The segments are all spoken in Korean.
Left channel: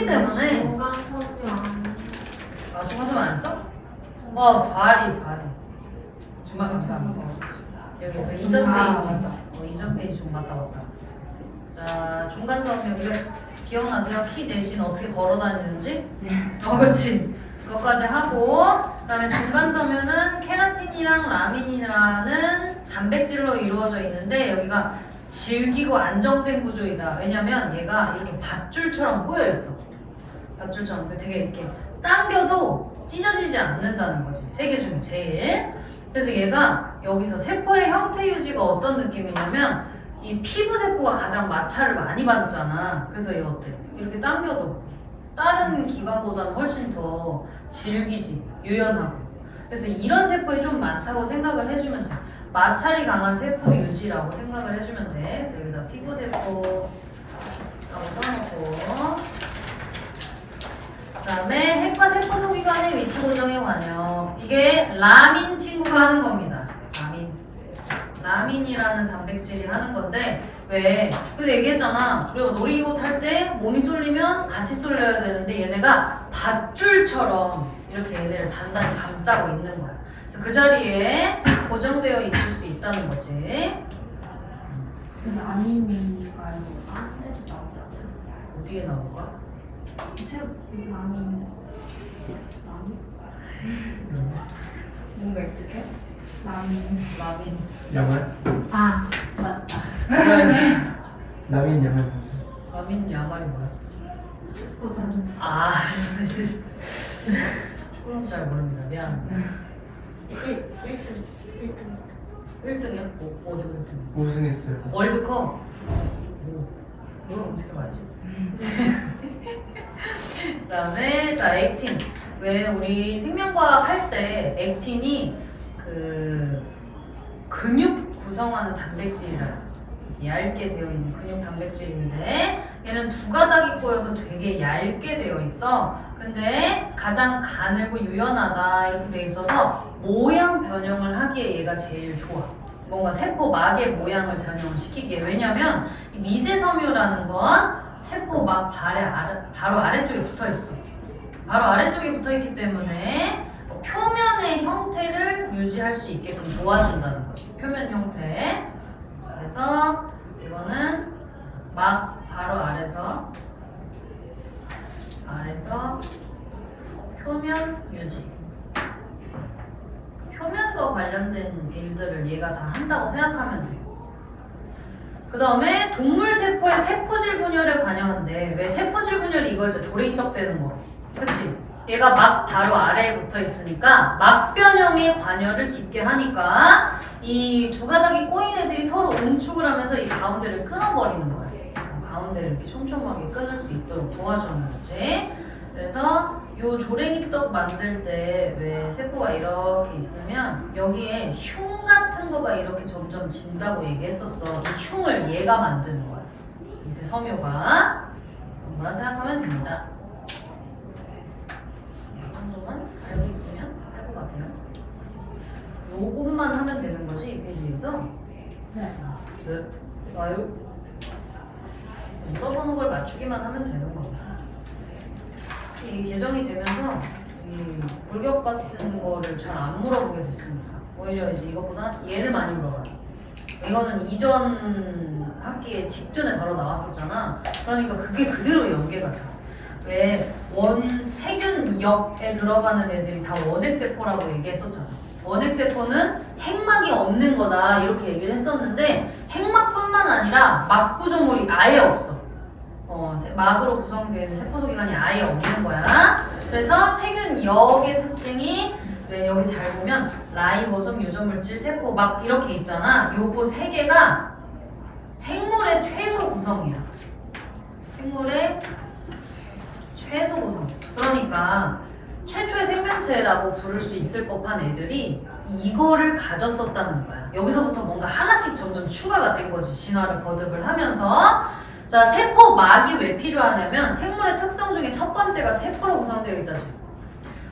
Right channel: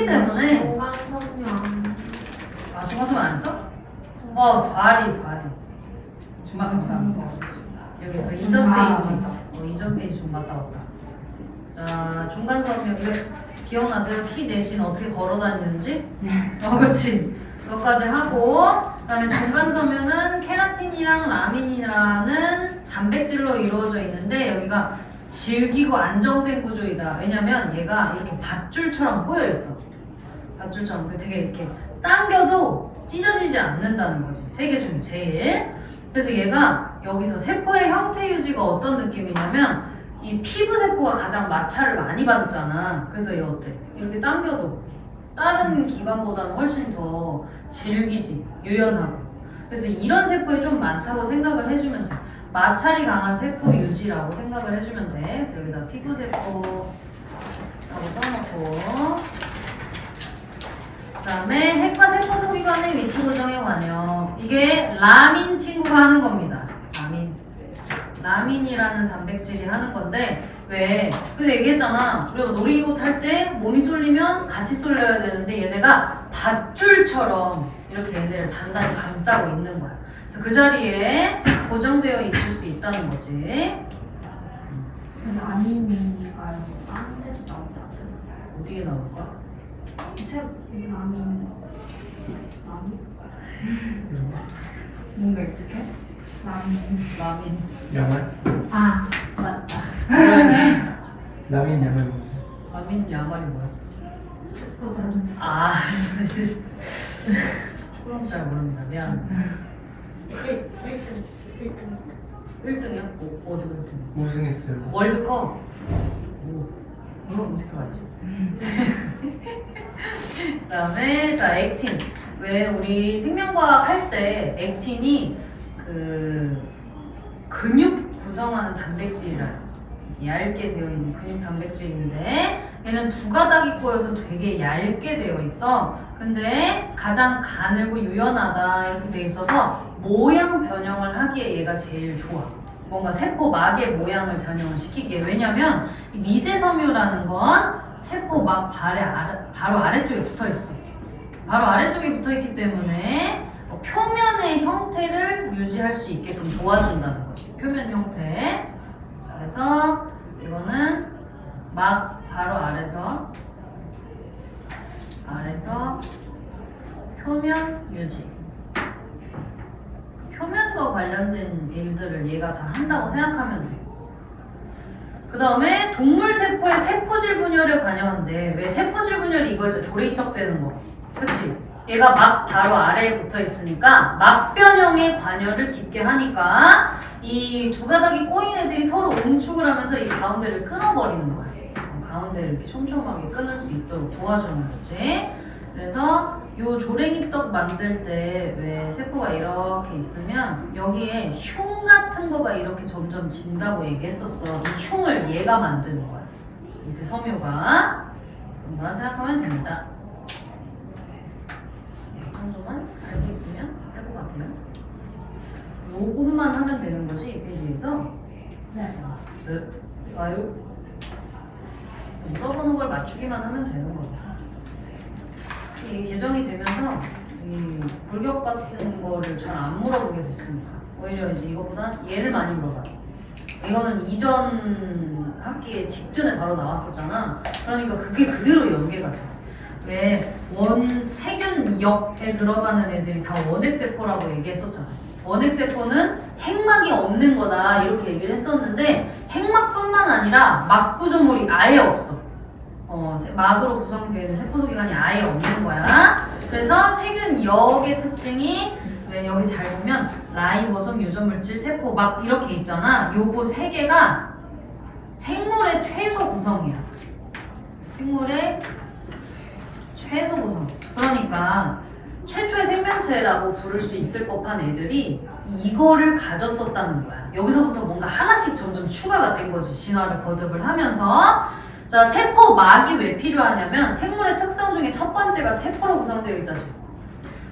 크기 때문에. 아, 중간섬유 안 했어? 사리. 정말 감사합니다. 여기 그 이전 페이지. 이전 페이지 좀 갔다 왔다. 자, 중간섬유 이거 기억나세요? 키 대신 어떻게 걸어 다니는지? 그렇지. 그것까지 하고, 그다음에 중간섬유는 케라틴이랑 라민이라는 단백질로 이루어져 있는데 여기가 질기고 안정된 구조이다. 왜냐면 얘가 이렇게 밧줄처럼 꼬여 있어. 밧줄처럼 되게 이렇게 당겨도 찢어지지 않는다는 거지. 세 개 중에 제일. 그래서 얘가 여기서 세포의 형태 유지가 어떤 느낌이냐면 이 피부 세포가 가장 마찰을 많이 받잖아. 그래서 얘 어때? 이렇게 당겨도 다른 기관보다는 훨씬 더 질기지, 유연하고. 그래서 이런 세포에 좀 많다고 생각을 해주면 돼. 마찰이 강한 세포 유지라고 생각을 해주면 돼. 그래서 여기다 피부 세포라고 써놓고, 그다음에 핵과 세포 소기관의 위치 고정에 관여. 이게 라민 친구가 하는 겁니다. 라민이라는 단백질이 하는 건데 왜? 그래서 얘기했잖아. 그리고 놀이기구 탈 때 몸이 쏠리면 같이 쏠려야 되는데 얘네가 밧줄처럼 이렇게 얘네를 단단히 감싸고 있는 거야. 그래서 그 자리에 고정되어 있을 수 있다는 거지. 라민이가 다른 데도 나오잖아요. 어디에 나올까? 라민? 뭔가 익숙해? 라민. 야말? 아, 맞다. 라민 야말 뭐지? 라민 야말이 뭐야? 축구 선수. 아, 축구 선수 잘 모릅니다. 미안합니다. 1등이야? 어디 1등? 우승했어요. 월드컵? 이거 검색해봐야지. 그 다음에 자 액틴. 왜 우리 생명과학 할 때 액틴이 그 근육 구성하는 단백질이라 했어. 얇게 되어 있는 근육 단백질인데 얘는 두 가닥이 꼬여서 되게 얇게 되어 있어. 근데 가장 가늘고 유연하다 이렇게 돼 있어서 모양 변형을 하기에 얘가 제일 좋아. 뭔가 세포막의 모양을 변형을 시키기에. 왜냐면 이 미세섬유라는 건 세포막 바로 아래쪽에 붙어 있어. 바로 아래쪽에 붙어 있기 때문에 표면의 형태를 유지할 수 있게끔 도와준다는 거지. 표면 형태. 그래서 이거는 막 바로 아래서 표면 유지. 표면과 관련된 일들을 얘가 다 한다고 생각하면 돼. 그 다음에 동물 세포의 세포질 분열에 관여한대. 왜 세포질 분열이 이거였죠? 조레이떡 되는 거. 그치? 얘가 막 바로 아래에 붙어 있으니까 막 변형에 관여를 깊게 하니까 이 두 가닥이 꼬인 애들이 서로 응축을 하면서 이 가운데를 끊어버리는 거야. 가운데를 이렇게 촘촘하게 끊을 수 있도록 도와주는 거지. 그래서 요 조랭이떡 만들 때 왜 세포가 이렇게 있으면 여기에 흉 같은 거가 이렇게 점점 진다고 얘기했었어. 이 흉을 얘가 만드는 거야. 이제 섬유가. 뭐라 생각하면 됩니다. 이 정도만 알고 있으면 할 것 같아요. 요것만 하면 되는 거지, 이 페이지에서. 네. 좋아요. 물어보는 걸 맞추기만 하면 되는 거죠. 이 개정이 되면서 이 골격 같은 거를 잘 안 물어보게 됐습니다. 오히려 이제 이것보다 얘를 많이 물어봐요. 이거는 이전 학기에 직전에 바로 나왔었잖아. 그러니까 그게 그대로 연계가 돼. 왜 세균역에 들어가는 애들이 다 원핵세포라고 얘기했었잖아. 원핵세포는 핵막이 없는 거다 이렇게 얘기를 했었는데 핵막뿐만 아니라 막 구조물이 아예 없어. 막으로 구성되어 있는 세포소기관이 아예 없는 거야. 그래서 세균역의 특징이 왜 여기 잘 보면 라이보솜, 유전물질, 세포 막 이렇게 있잖아. 요거 세 개가 생물의 최소 구성이야. 생물의 최소 구성. 그러니까 최초의 생명체라고 부를 수 있을 법한 애들이 이거를 가졌었다는 거야. 여기서부터 뭔가 하나씩 점점 추가가 된 거지. 진화를 거듭을 하면서. 자, 세포막이 왜 필요하냐면 생물의 특성 중에 첫 번째가 세포로 구성되어 있다지.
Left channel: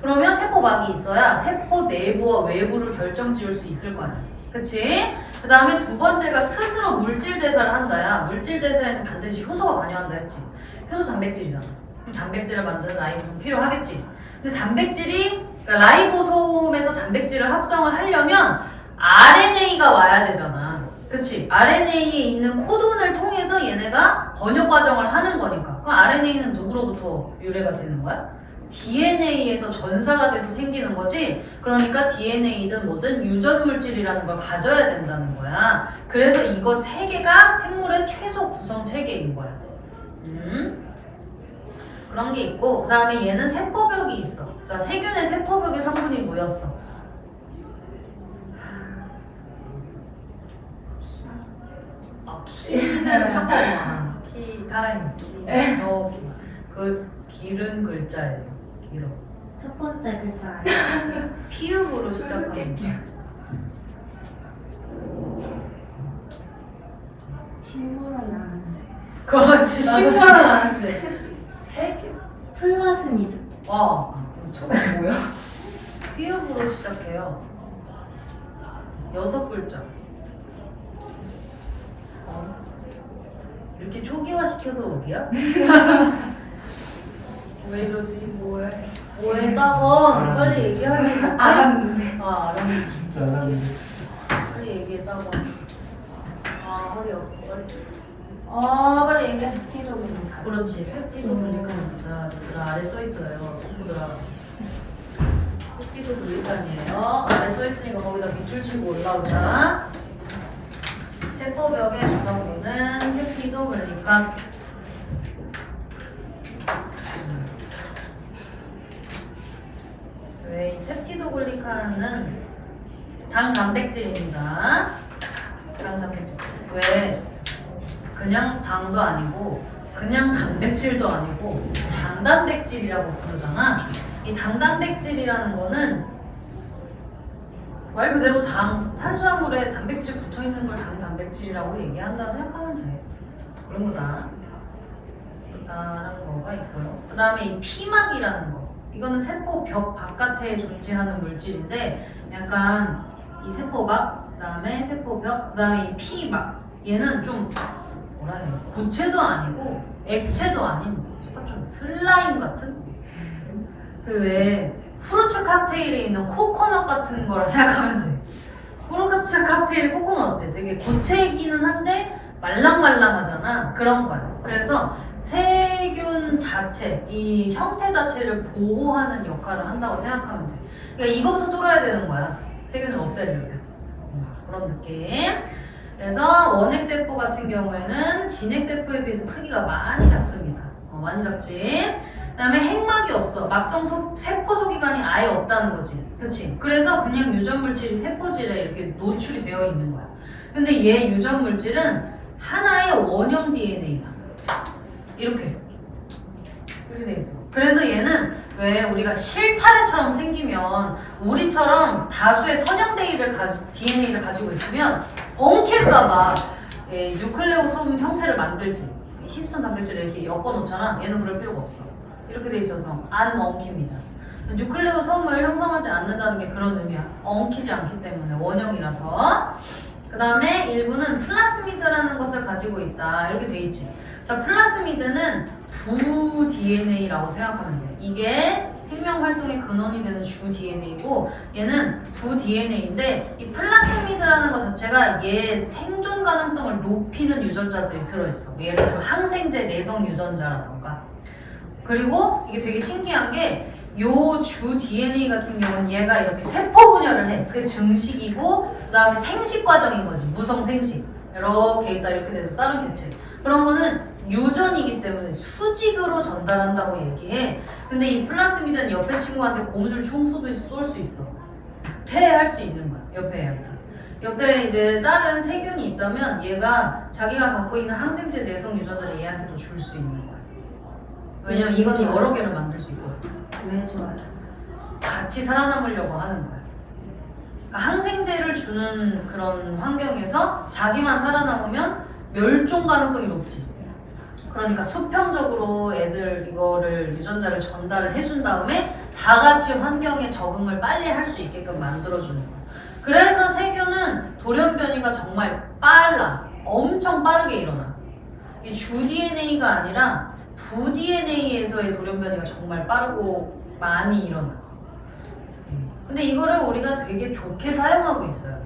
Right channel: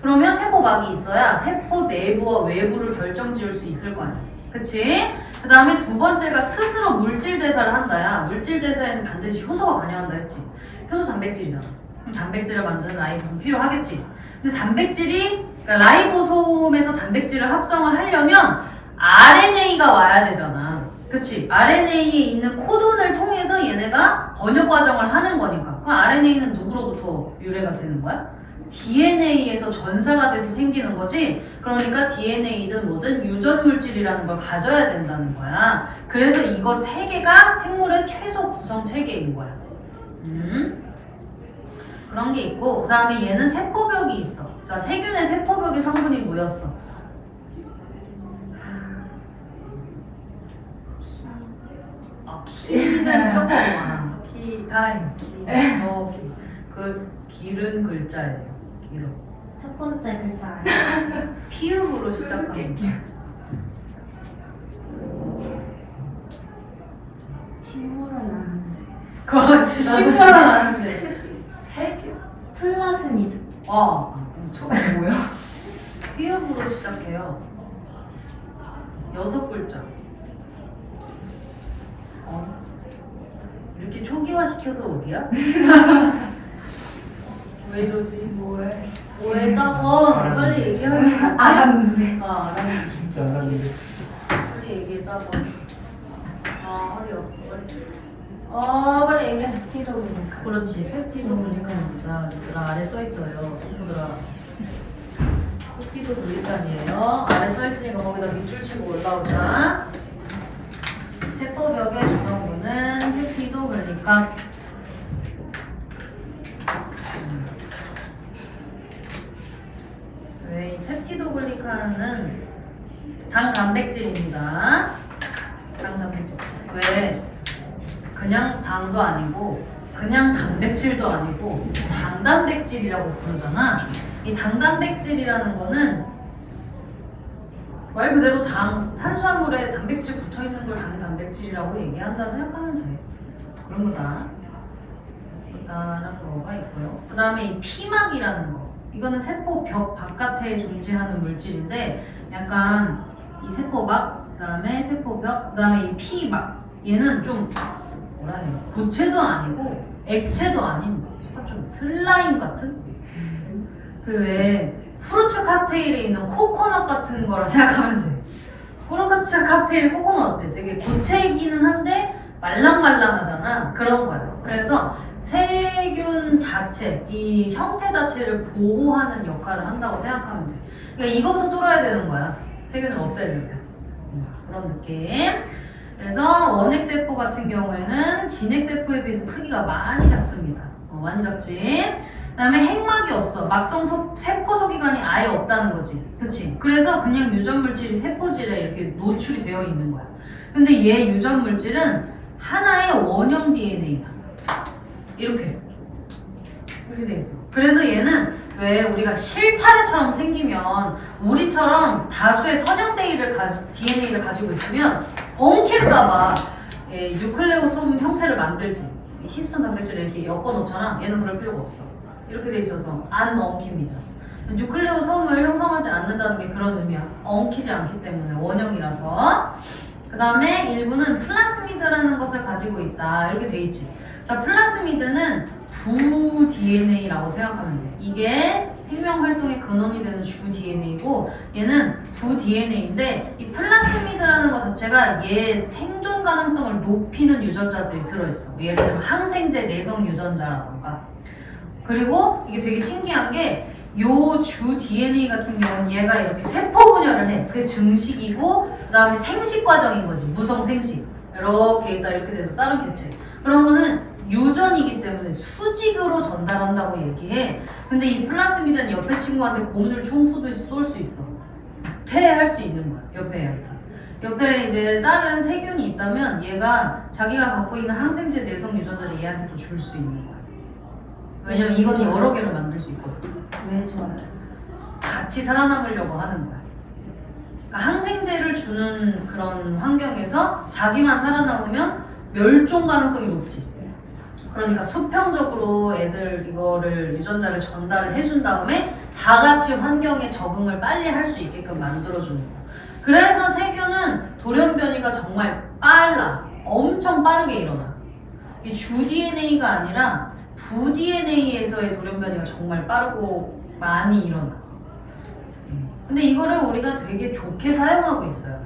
그러면 세포막이 있어야 세포 내부와 외부를 결정지을 수 있을 거 아니야. 그치? 그 다음에 두 번째가 스스로 물질 대사를 한다야. 물질 대사에는 반드시 효소가 관여한다 했지. 효소 단백질이잖아. 그럼 단백질을 만드는 라이보솜 필요하겠지. 근데 단백질이 그러니까 라이보솜에서 단백질을 합성을 하려면 RNA가 와야 되잖아. 그치? RNA에 있는 코돈을 통해서 얘네가 번역 과정을 하는 거니까. 그럼 RNA는 누구로부터 유래가 되는 거야? DNA에서 전사가 돼서 생기는 거지. 그러니까 DNA든 뭐든 유전 물질이라는 걸 가져야 된다는 거야. 그래서 이거 세 개가 생물의 최소 구성 체계인 거야. 그런 게 있고, 그 다음에 얘는 세포벽이 있어. 자, 세균의 세포벽의 성분이 뭐였어? 키는 조금 다행. 그 길은 글자예요. 길어. 첫 번째 글자. 피읍으로 시작합니다. 식물은 아는데. 그렇지. 식물은 아는데. 세균? 플라스미드. 저거 뭐야? 피읍으로 시작해요. 6글자. 이렇게 초기화 시켜서 오기야? 왜 이러지? 뭐해? 뭐해 따고 빨리 얘기하지. 알았는데. 알았는데. 진짜 알았는데. 빨리 얘기해 따고. 허리 아파. 빨리 얘기해. 펩티도글리칸. 그렇지. 펩티도글리칸. 자, 얘들아 아래 써 있어요. 친구들아. 펩티도글리칸이에요. 아래 써 있으니까 거기다 밑줄 치고 올라오자. 세포벽의 주성분은 펩티도글리칸. 이 펩티도글리칸은 당 단백질입니다. 당 단백질. 왜? 그냥 당도 아니고 그냥 단백질도 아니고 당단백질이라고 부르잖아. 이 당단백질이라는 거는 말 그대로 탄수화물에 단백질 붙어있는 걸 당단백질이라고 얘기한다 생각하면 돼. 그런 거다. 그렇다는 거가 있고요. 그 다음에 이 피막이라는 거. 이거는 세포 벽 바깥에 존재하는 물질인데 약간 이 세포막, 그 다음에 세포벽, 그 다음에 이 피막. 얘는 좀 뭐라 해요? 고체도 아니고 액체도 아닌 약간 좀 슬라임 같은? 그 왜 후르츠 칵테일에 있는 코코넛 같은 거라 생각하면 돼. 후르츠 칵테일 코코넛 어때? 되게 고체이기는 한데 말랑말랑하잖아. 그런 거야. 그래서 세균 자체, 이 형태 자체를 보호하는 역할을 한다고 생각하면 돼. 그러니까 이것부터 뚫어야 되는 거야. 세균을 없애려면. 그런 느낌. 그래서 원핵세포 같은 경우에는 진핵세포에 비해서 크기가 많이 작습니다. 많이 작지. 그 다음에 핵막이 없어. 막성 세포 소기관이 아예 없다는 거지. 그치? 그래서 그냥 유전물질이 세포질에 이렇게 노출이 되어 있는 거야. 근데 얘 유전물질은 하나의 원형 DNA야. 이렇게 돼 있어. 그래서 얘는 왜 우리가 실타래처럼 생기면 우리처럼 다수의 선형 DNA를 가지고 있으면 엉킬까봐 뉴클레오솜 형태를 만들지. 히스톤 단백질을 이렇게 엮어놓잖아. 얘는 그럴 필요가 없어. 이렇게 돼 있어서 안 엉킵니다. 뉴클레오솜을 형성하지 않는다는 게 그런 의미야. 엉키지 않기 때문에 원형이라서. 그 다음에 일부는 플라스미드라는 것을 가지고 있다. 이렇게 돼 있지. 자, 플라스미드는 부 DNA라고 생각하면 돼. 이게 생명 활동의 근원이 되는 주 DNA고 얘는 부 DNA인데 이 플라스미드라는 것 자체가 얘 생존 가능성을 높이는 유전자들이 들어있어. 예를 들면 항생제 내성 유전자라던가. 그리고 이게 되게 신기한 게 요 주 DNA 같은 경우는 얘가 이렇게 세포 분열을 해. 그게 증식이고 그 다음에 생식 과정인 거지. 무성 생식. 이렇게 있다 이렇게 돼서 다른 개체. 그런 거는 유전이기 때문에 수직으로 전달한다고 얘기해. 근데 이 플라스미드는 옆에 친구한테 고무줄 총 쏘듯이 쏠 수 있어. 퇴할 수 있는 거야. 옆에 애한테. 옆에 이제 다른 세균이 있다면 얘가 자기가 갖고 있는 항생제 내성 유전자를 얘한테도 줄 수 있는 거야. 왜냐면 이건 여러 개를 만들 수 있거든. 왜 좋아요? 같이 살아남으려고 하는 거야. 그러니까 항생제를 주는 그런 환경에서 자기만 살아남으면 멸종 가능성이 높지. 그러니까 수평적으로 애들 이거를 유전자를 전달을 해준 다음에 다 같이 환경에 적응을 빨리 할 수 있게끔 만들어주는 거야. 그래서 세균은 돌연변이가 정말 빨라. 엄청 빠르게 일어나. 이 주 DNA가 아니라 부-DNA에서의 돌연변이가 정말 빠르고 많이 일어나. 근데 이거를 우리가 되게 좋게 사용하고 있어요.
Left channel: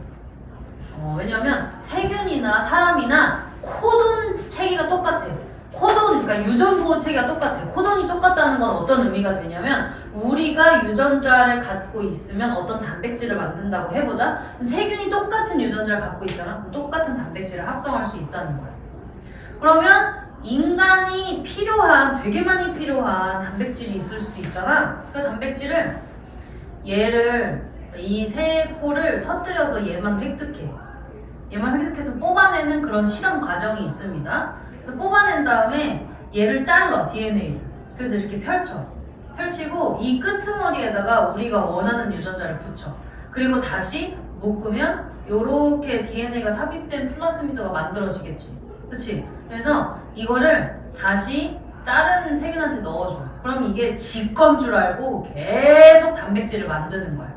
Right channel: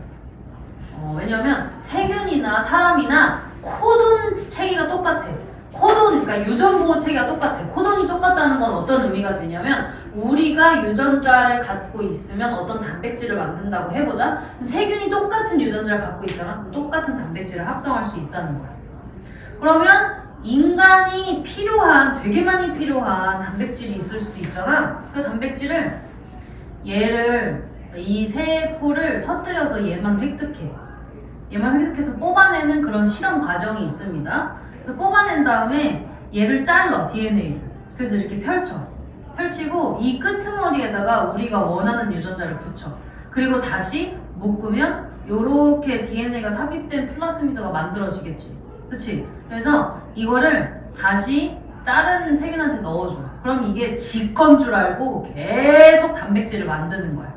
왜냐면 세균이나 사람이나 코돈 체계가 똑같아. 코돈, 그러니까 유전부호 체계가 똑같아. 코돈이 똑같다는 건 어떤 의미가 되냐면 우리가 유전자를 갖고 있으면 어떤 단백질을 만든다고 해보자. 그럼 세균이 똑같은 유전자를 갖고 있잖아. 그럼 똑같은 단백질을 합성할 수 있다는 거야. 그러면 인간이 필요한, 되게 많이 필요한 단백질이 있을 수도 있잖아. 그 단백질을 이 세포를 터뜨려서 얘만 획득해. 얘만 획득해서 뽑아내는 그런 실험 과정이 있습니다. 그래서 뽑아낸 다음에 얘를 잘라, DNA를. 그래서 이렇게 펼치고 이 끄트머리에다가 우리가 원하는 유전자를 붙여. 그리고 다시 묶으면 요렇게 DNA가 삽입된 플라스미드가 만들어지겠지. 그치? 그래서 이거를 다시 다른 세균한테 넣어줘. 그럼 이게 지 건 줄 알고 계속 단백질을 만드는 거야.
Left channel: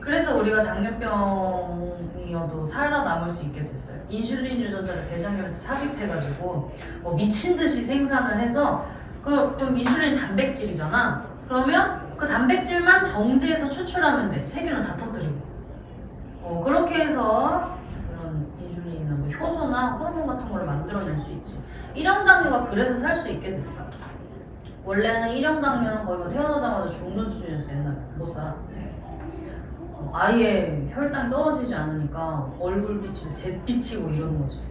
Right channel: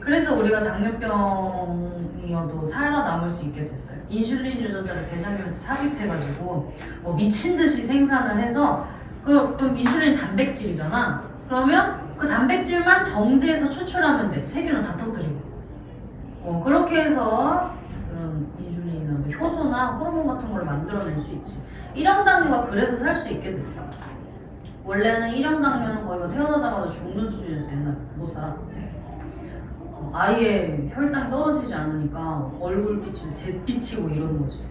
그래서 우리가 당뇨병이어도 살아남을 수 있게 됐어요. 인슐린 유전자를 대장균한테 삽입해가지고 뭐 미친 듯이 생산을 해서 그럼 인슐린 단백질이잖아. 그러면 그 단백질만 정지해서 추출하면 돼. 세균을 다 터뜨리고. 그렇게 해서 그런 인슐린이나 뭐 효소나 호르몬 같은 걸 만들어낼 수 있지. 1형 당뇨가 그래서 살 수 있게 됐어. 원래는 1형 당뇨는 거의 뭐 태어나자마자 죽는 수준이었어. 옛날에 못 살아. 아예 혈당 떨어지지 않으니까 얼굴빛이 잿빛이고 이런 거지.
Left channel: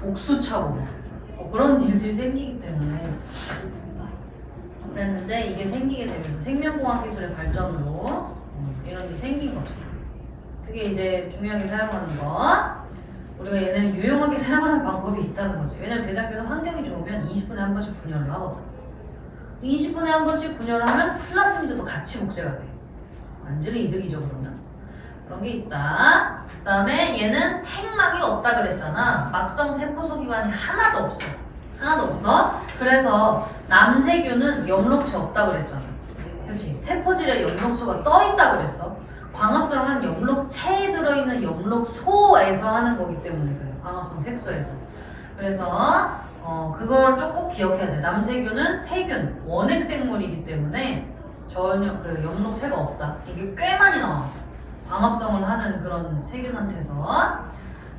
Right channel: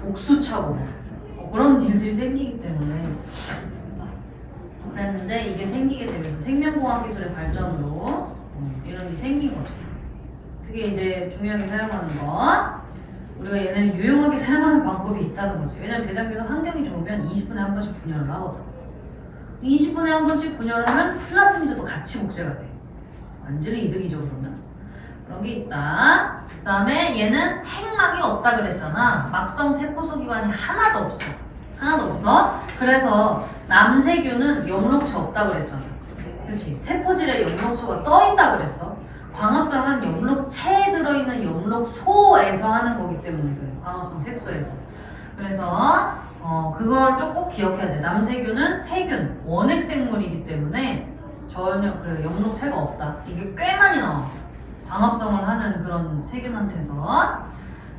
복수차고 그런 일들이 생기기 때문에 그랬는데 이게 생기게 되면서 생명공학 기술의 발전으로 이런 게 생긴 거죠. 그게 이제 중요하게 사용하는 것. 우리가 얘네를 유용하게 사용하는 방법이 있다는 거지. 왜냐면 대장균은 환경이 좋으면 20분에 한 번씩 분열을 하거든. 20분에 한 번씩 분열을 하면 플라스미드도 같이 복제가 돼. 완전히 이득이죠, 그러면. 그런 게 있다. 그 다음에 얘는 핵막이 없다 그랬잖아. 막성 세포소기관이 하나도 없어. 그래서 남세균은 영록체 없다 그랬잖아. 그치? 세포질에 영록소가 떠 있다 그랬어. 광합성은 영록체에 들어있는 영록소에서 하는 거기 때문에 그래요. 광합성 색소에서. 그래서 그걸 꼭 기억해야 돼. 남세균은 세균, 원핵 생물이기 때문에 전혀 그 영록체가 없다. 이게 꽤 많이 나와. 광합성을 하는 그런 세균한테서.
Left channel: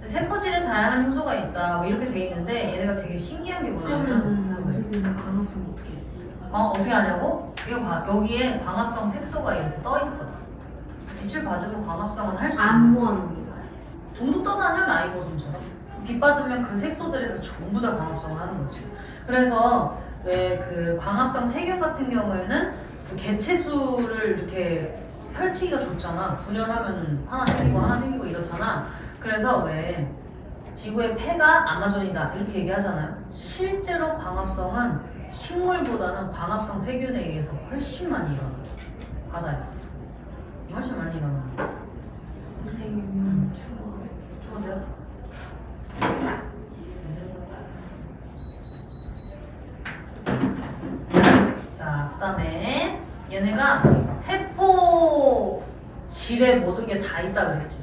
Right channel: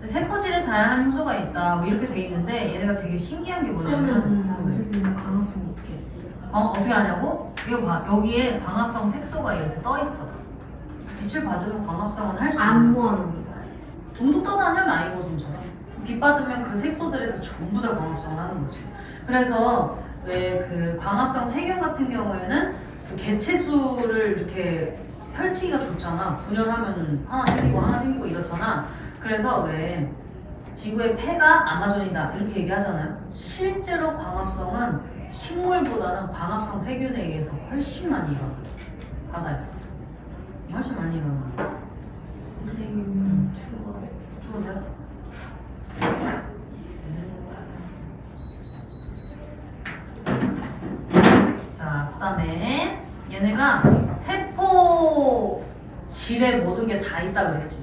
세포질에 다양한 효소가 있다. 뭐 이렇게 돼 있는데 얘네가 되게 신기한 게 그러면 뭐냐면 남세균은 광합성 어떻게 했지? 어떻게 하냐고? 이거 봐. 여기에 광합성 색소가 이렇게 떠 있어. 빛을 받으면 광합성은 할 수 있는. 안 모아놓은 거야. 둥둥 떠다녀 라이보솜처럼. 빛 받으면 그 색소들에서 전부 다 광합성을 하는 거지. 그래서 왜 그 광합성 세균 같은 경우에는 그 개체수를 이렇게 펼치기가 좋잖아. 분열하면 하나 생기고 이렇잖아. 그래서 왜 지구의 폐가 아마존이다 이렇게 얘기하잖아요. 실제로 광합성은 식물보다는 광합성 세균에 의해서 훨씬 많이 일어나. 바다에서 훨씬 많이 일어나. 세균은 죽으세요? 자, 그 다음에 얘네가 세포질에 모든 게 다 있다 그랬지.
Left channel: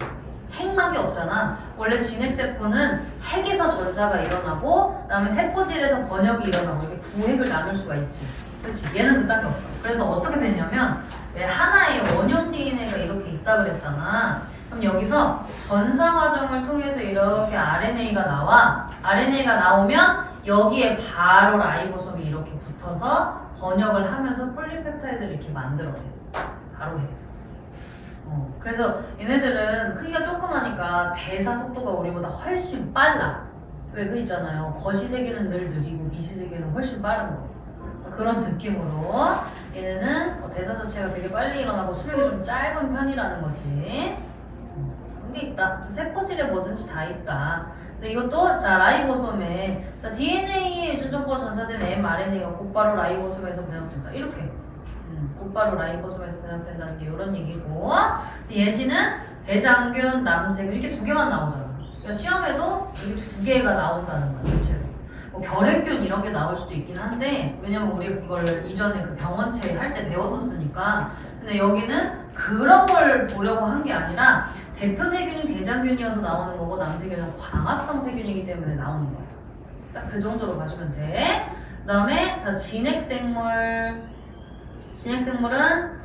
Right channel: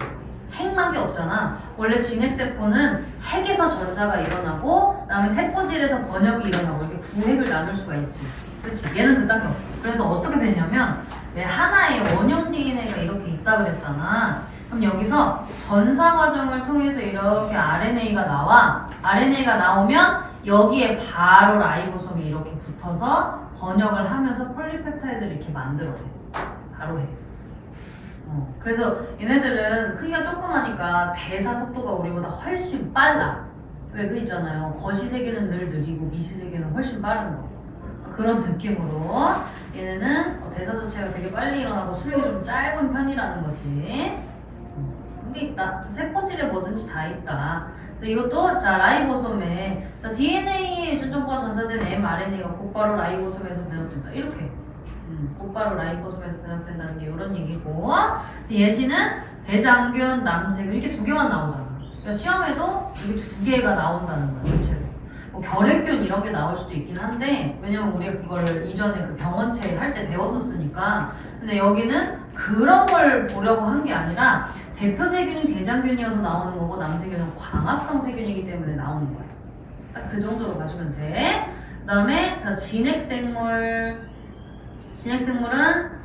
핵막이 없잖아. 원래 진핵세포는 핵에서 전사가 일어나고 그다음에 세포질에서 번역이 일어나고 이렇게 구획을 나눌 수가 있지. 그렇지. 얘는 그딴 게 없어. 그래서 어떻게 되냐면 왜 하나의 원형 DNA가 이렇게 있다 그랬잖아. 그럼 여기서 전사 과정을 통해서 이렇게 RNA가 나와. RNA가 나오면 여기에 바로 라이보솜이 이렇게 붙어서 번역을 하면서 폴리펩타이드를 이렇게 만들어내. 바로 해. 그래서 얘네들은 크기가 조그마니까 대사 속도가 우리보다 훨씬 빨라. 왜 그 있잖아요. 거시세균은 늘 느리고 미시세균은 훨씬 빠른 거. 그런 느낌으로 얘네는 대사 자체가 되게 빨리 일어나고 수명이 좀 짧은 편이라는 거지. 그런 게 있다. 그래서 세포질에 뭐든지 다 있다. 그래서 이것도 자 라이보솜에 자 DNA에 유전정보가 전사된 mRNA가 곧바로 라이보솜에서 변형된다. 이렇게. 곧바로 라이보솜에서 변형된다는 게 이런 얘기고 예시는 대장균, 남세균 이렇게 두 개만 나오잖아. 그러니까 시험에도 이렇게 두 개가 나온다는 거야. 대체로. 뭐 결핵균 이런 게 나올 수도 있긴 한데 왜냐면 우리가 그걸 이전에 그 병원체 할 때 배웠었으니까. 근데 여기는 그런 걸 보려고 한 게 아니라 대표 세균이 대장균이어서 나오는 거고 남세균은 광합성 세균이기 때문에 나오는 거야. 딱 그 정도로 봐주면 돼. 그 다음에 자 진핵생물은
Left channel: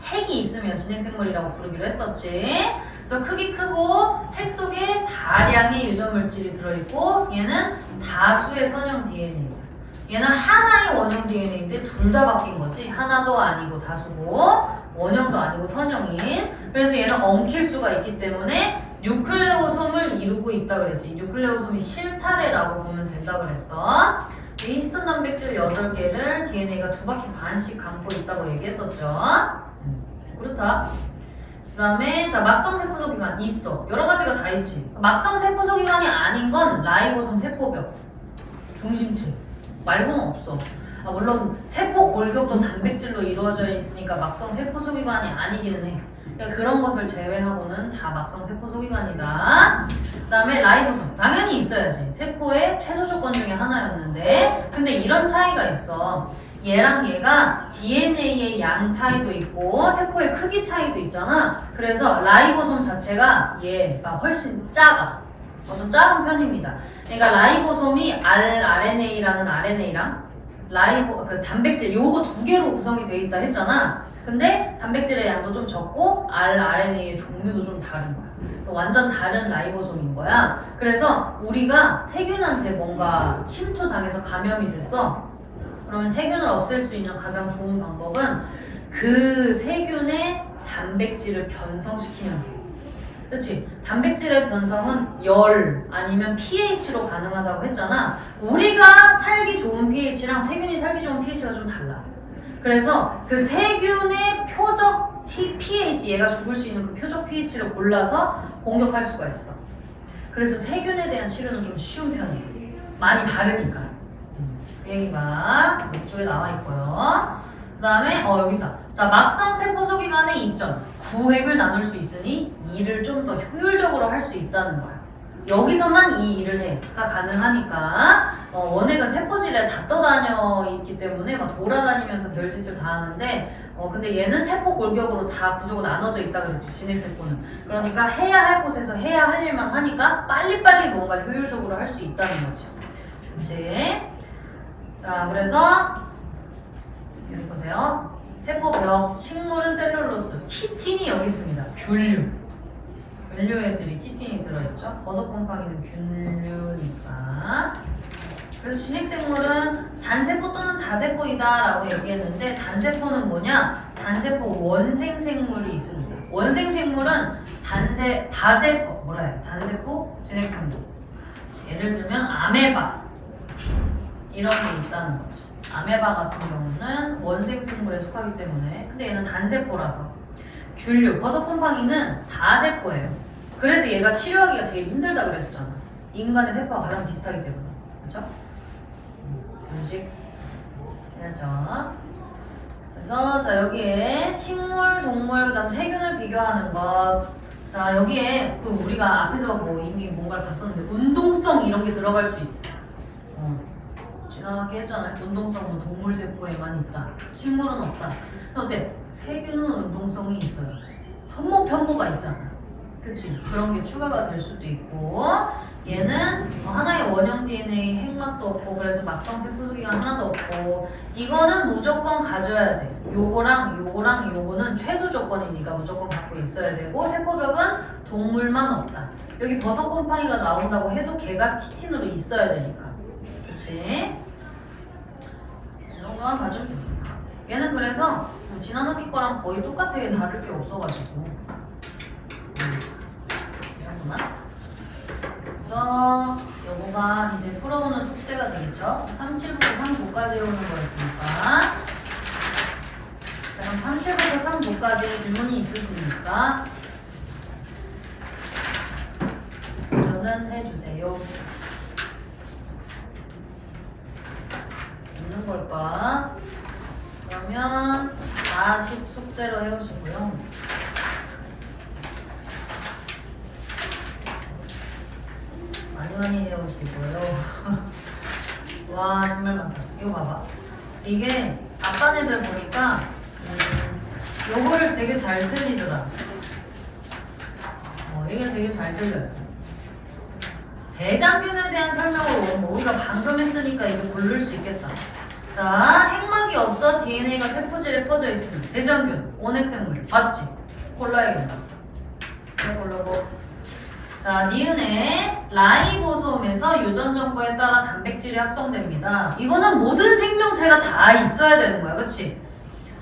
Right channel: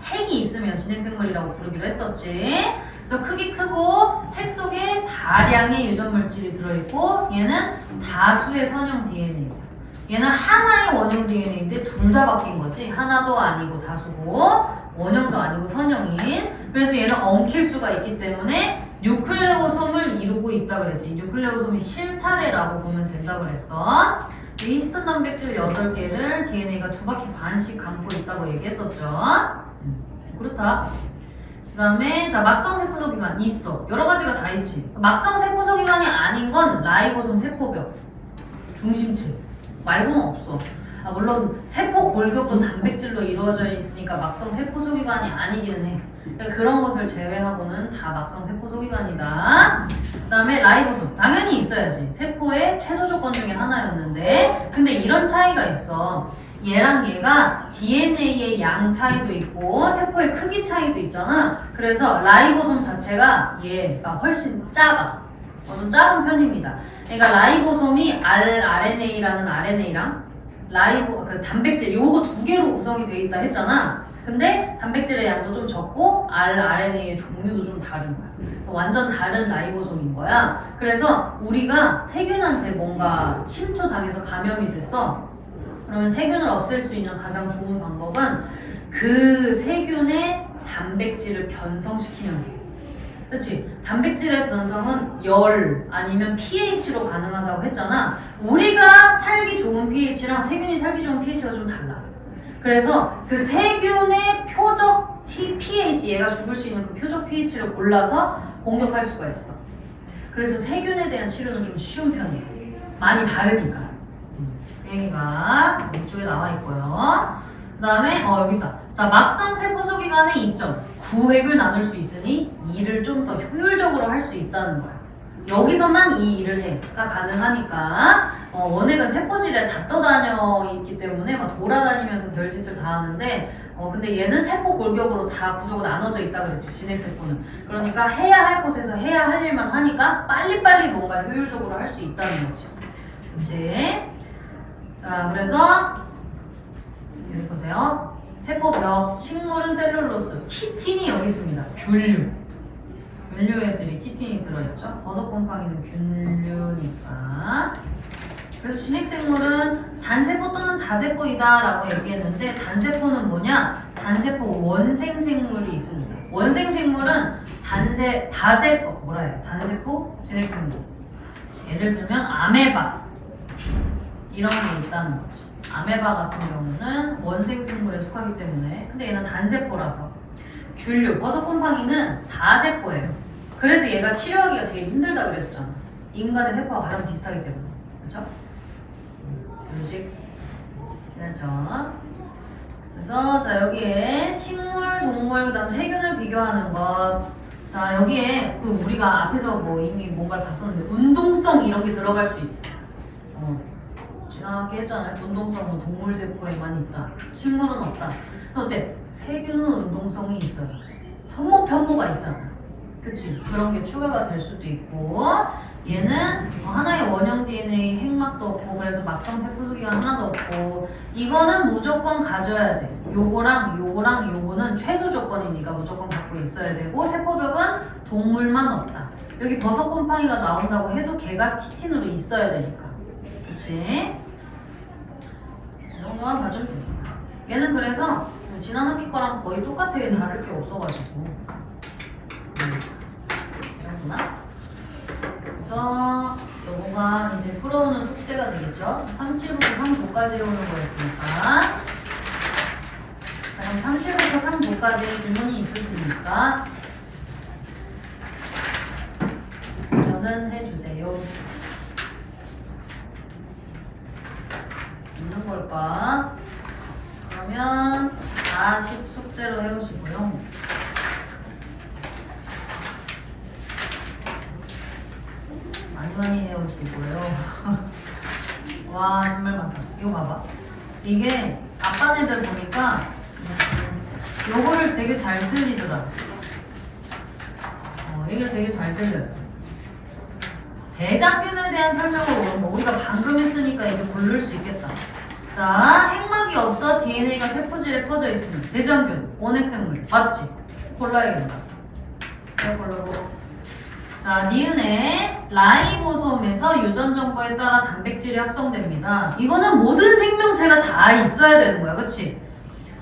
핵이 있으면 진핵생물이라고 부르기로 했었지. 그래서 크기 크고 핵 속에 다량의 유전물질이 들어있고 얘는 다수의 선형 DNA. 얘는 하나의 원형 DNA인데 둘 다 바뀐 거지. 하나도 아니고 다수고 원형도 아니고 선형인. 그래서 얘는 엉킬 수가 있기 때문에 뉴클레오솜을 이루고 있다 그랬지. 뉴클레오솜이 실타래라고 보면 된다 그랬어. 이 히스톤 단백질 8개를 DNA가 2바퀴 반씩 감고 있다고 얘기했었죠. 그렇다. 그 다음에 자 막성 세포소기관 있어. 여러 가지가 다 있지. 막성 세포소기관이 아닌 건 라이보솜 세포벽 중심층 말고는 없어. 아, 물론 세포 골격도 단백질로 이루어져 있으니까 막성 세포소기관이 아니기는 해. 그러니까 그런 것을 제외하고는 다 막성 세포소기관이다. 그 다음에 라이보솜 당연히 있어야지. 세포의 최소 조건 중에 하나였는데 근데 이런 차이가 있어. 얘랑 얘가 DNA의 양 차이도 있고 세포의 크기 차이도 있잖아. 그래서 라이보솜 자체가 얘가 훨씬 작아. 좀 작은 편입니다. 그러니까 라이보솜이 rRNA라는 RNA랑 그 단백질 요거 2개로 구성이 돼 있다 했잖아. 근데 단백질의 양도 좀 적고 rRNA의 종류도 좀 다른 거야. 완전 다른 라이보솜인 거야. 그래서 우리가 세균한테 뭔가 침투당해서 감염이 됐어. 그러면 세균을 없앨 수 있는 가장 좋은 방법은 그 세균의 단백질을 변성시키면 돼. 그렇지? 단백질의 변성은 열 아니면 pH로 가능하다고 했잖아. 우리가 살기 좋은 pH랑 세균이 살기 좋은 pH가 좀 달라. 그래서 그 세균의 표적 pH, 얘가 죽을 수 있는 그 표적 pH를 골라서 공격할 수가 있어. 그래서 세균에 대한 치료는 좀 쉬운 편이에요. 많이 다르니까. 그 얘기가 이쪽에 나와 있고요. 그 다음에 여기 있다. 자, 막성 세포소기관의 이점. 구획을 나눌 수 있으니 일을 좀 더 효율적으로 할 수 있다는 거야. 여기서만 이 일을 해가 가능하니까 원액은 세포질에 다 떠다녀 있기 때문에 막 돌아다니면서 별짓을 다 하는데 근데 얘는 세포 골격으로 다 구조가 나눠져 있다 그랬지. 진핵세포는. 그러니까 해야 할 곳에서 해야 할 일만 하니까 빨리빨리 뭔가 효율적으로 할 수 있다는 거지. 그렇지? 자, 그래서 여기 보세요. 세포벽, 식물은 셀룰로스, 키틴이 여기 있습니다. 균류. 균류 애들이 키틴이 들어있죠. 버섯곰팡이는 균류니까. 그래서 진핵생물은 단세포 또는 다세포이다 라고 얘기했는데 단세포는 뭐냐? 단세포 원생생물이 있습니다. 원생생물은 단세포 진핵생물. 예를 들면 아메바 이런 게 있다는 거지. 아메바 같은 경우는 원생생물에 속하기 때문에 근데 얘는 단세포라서. 균류, 버섯곰팡이는 다세포예요. 그래서 얘가 치료하기가 제일 힘들다 그랬었잖아. 인간의 세포와 가장 비슷하기 때문에. 그렇죠? 이런 식. 그래서 자 여기에 식물, 동물, 그 다음 세균을 비교하는 것. 자 여기에 그 우리가 앞에서 뭐 이미 뭔가를 봤었는데 운동성 이런 게 들어갈 수 있어. 지나가게 했잖아요. 운동성은 동물 세포에만 있다. 식물은 없다. 어때? 세균은 운동성이 있어요. 선모 편모가 있잖아. 그치? 그런 게 추가가 될 수도 있고 얘는 하나의 원형 DNA 핵막도 없고 그래서 막성 세포소기가 하나도 없고 이거는 무조건 가져야 돼. 요거랑 요거는 최소 조건이니까 무조건 갖고 있어야 되고 세포벽은 동물만 없다. 여기 버섯곰팡이가 나온다고 해도 걔가 키틴으로 있어야 되니까. 그치? 이 정도만 봐주면 됩니다. 얘는 그래서 지난 학기 거랑 거의 똑같아요. 다를 게 없어가지고. 이렇구나. 그래서 요거가 이제 풀어오는 숙제가 되겠죠. 37부터 39까지 해오는 거였으니까. 그럼 37부터 39까지 질문이 있으십니까? 있으면은 해주세요. 있는 걸까? 그러면 40 숙제로 해오시고요. 많이 해오시고요. 와 정말 많다. 이거 봐봐. 이게 아빠네들 보니까 요거를 되게 잘 들리더라. 이게 되게 잘 들려요. 대장균에 대한 설명을 우리가 방금 했으니까 이제 고를 수 있겠다. 자, 핵막이 없어 DNA가 세포질에 퍼져 있으면 대장균, 원핵생물 맞지? 골라야겠다. 잘 고르고. 자, 니은의 라이보솜에서 유전 정보에 따라 단백질이 합성됩니다. 이거는 모든 생명체가 다 있어야 되는 거야, 그치?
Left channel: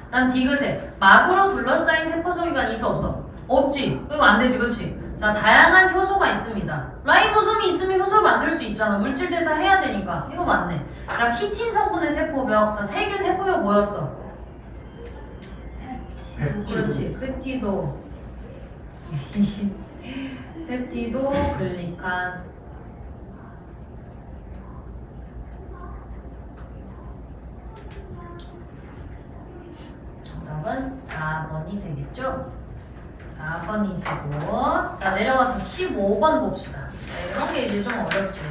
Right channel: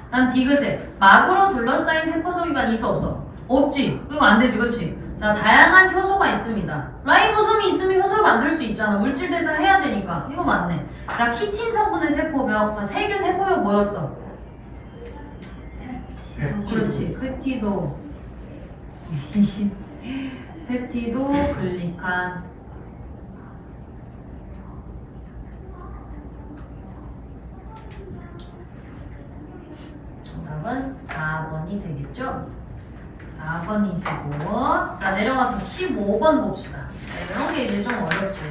다음 디귿에 막으로 둘러싸인 세포소기관이 있어 없어? 없지. 이거 안 되지, 그치? 자, 다양한 효소가 있습니다. 라이보솜이 있으면 효소를 만들 수 있잖아. 물질 대사 해야 되니까. 이거 맞네. 자, 키틴 성분의 세포벽. 자, 세균 세포벽 뭐였어? 그렇지. 펩티도. 펩티도 글리칸. 정답은 4번이 되겠죠? 4번이시고. 자, 내려가서 15번 봅시다. 자, 이런 게 이제 좀 어렵지.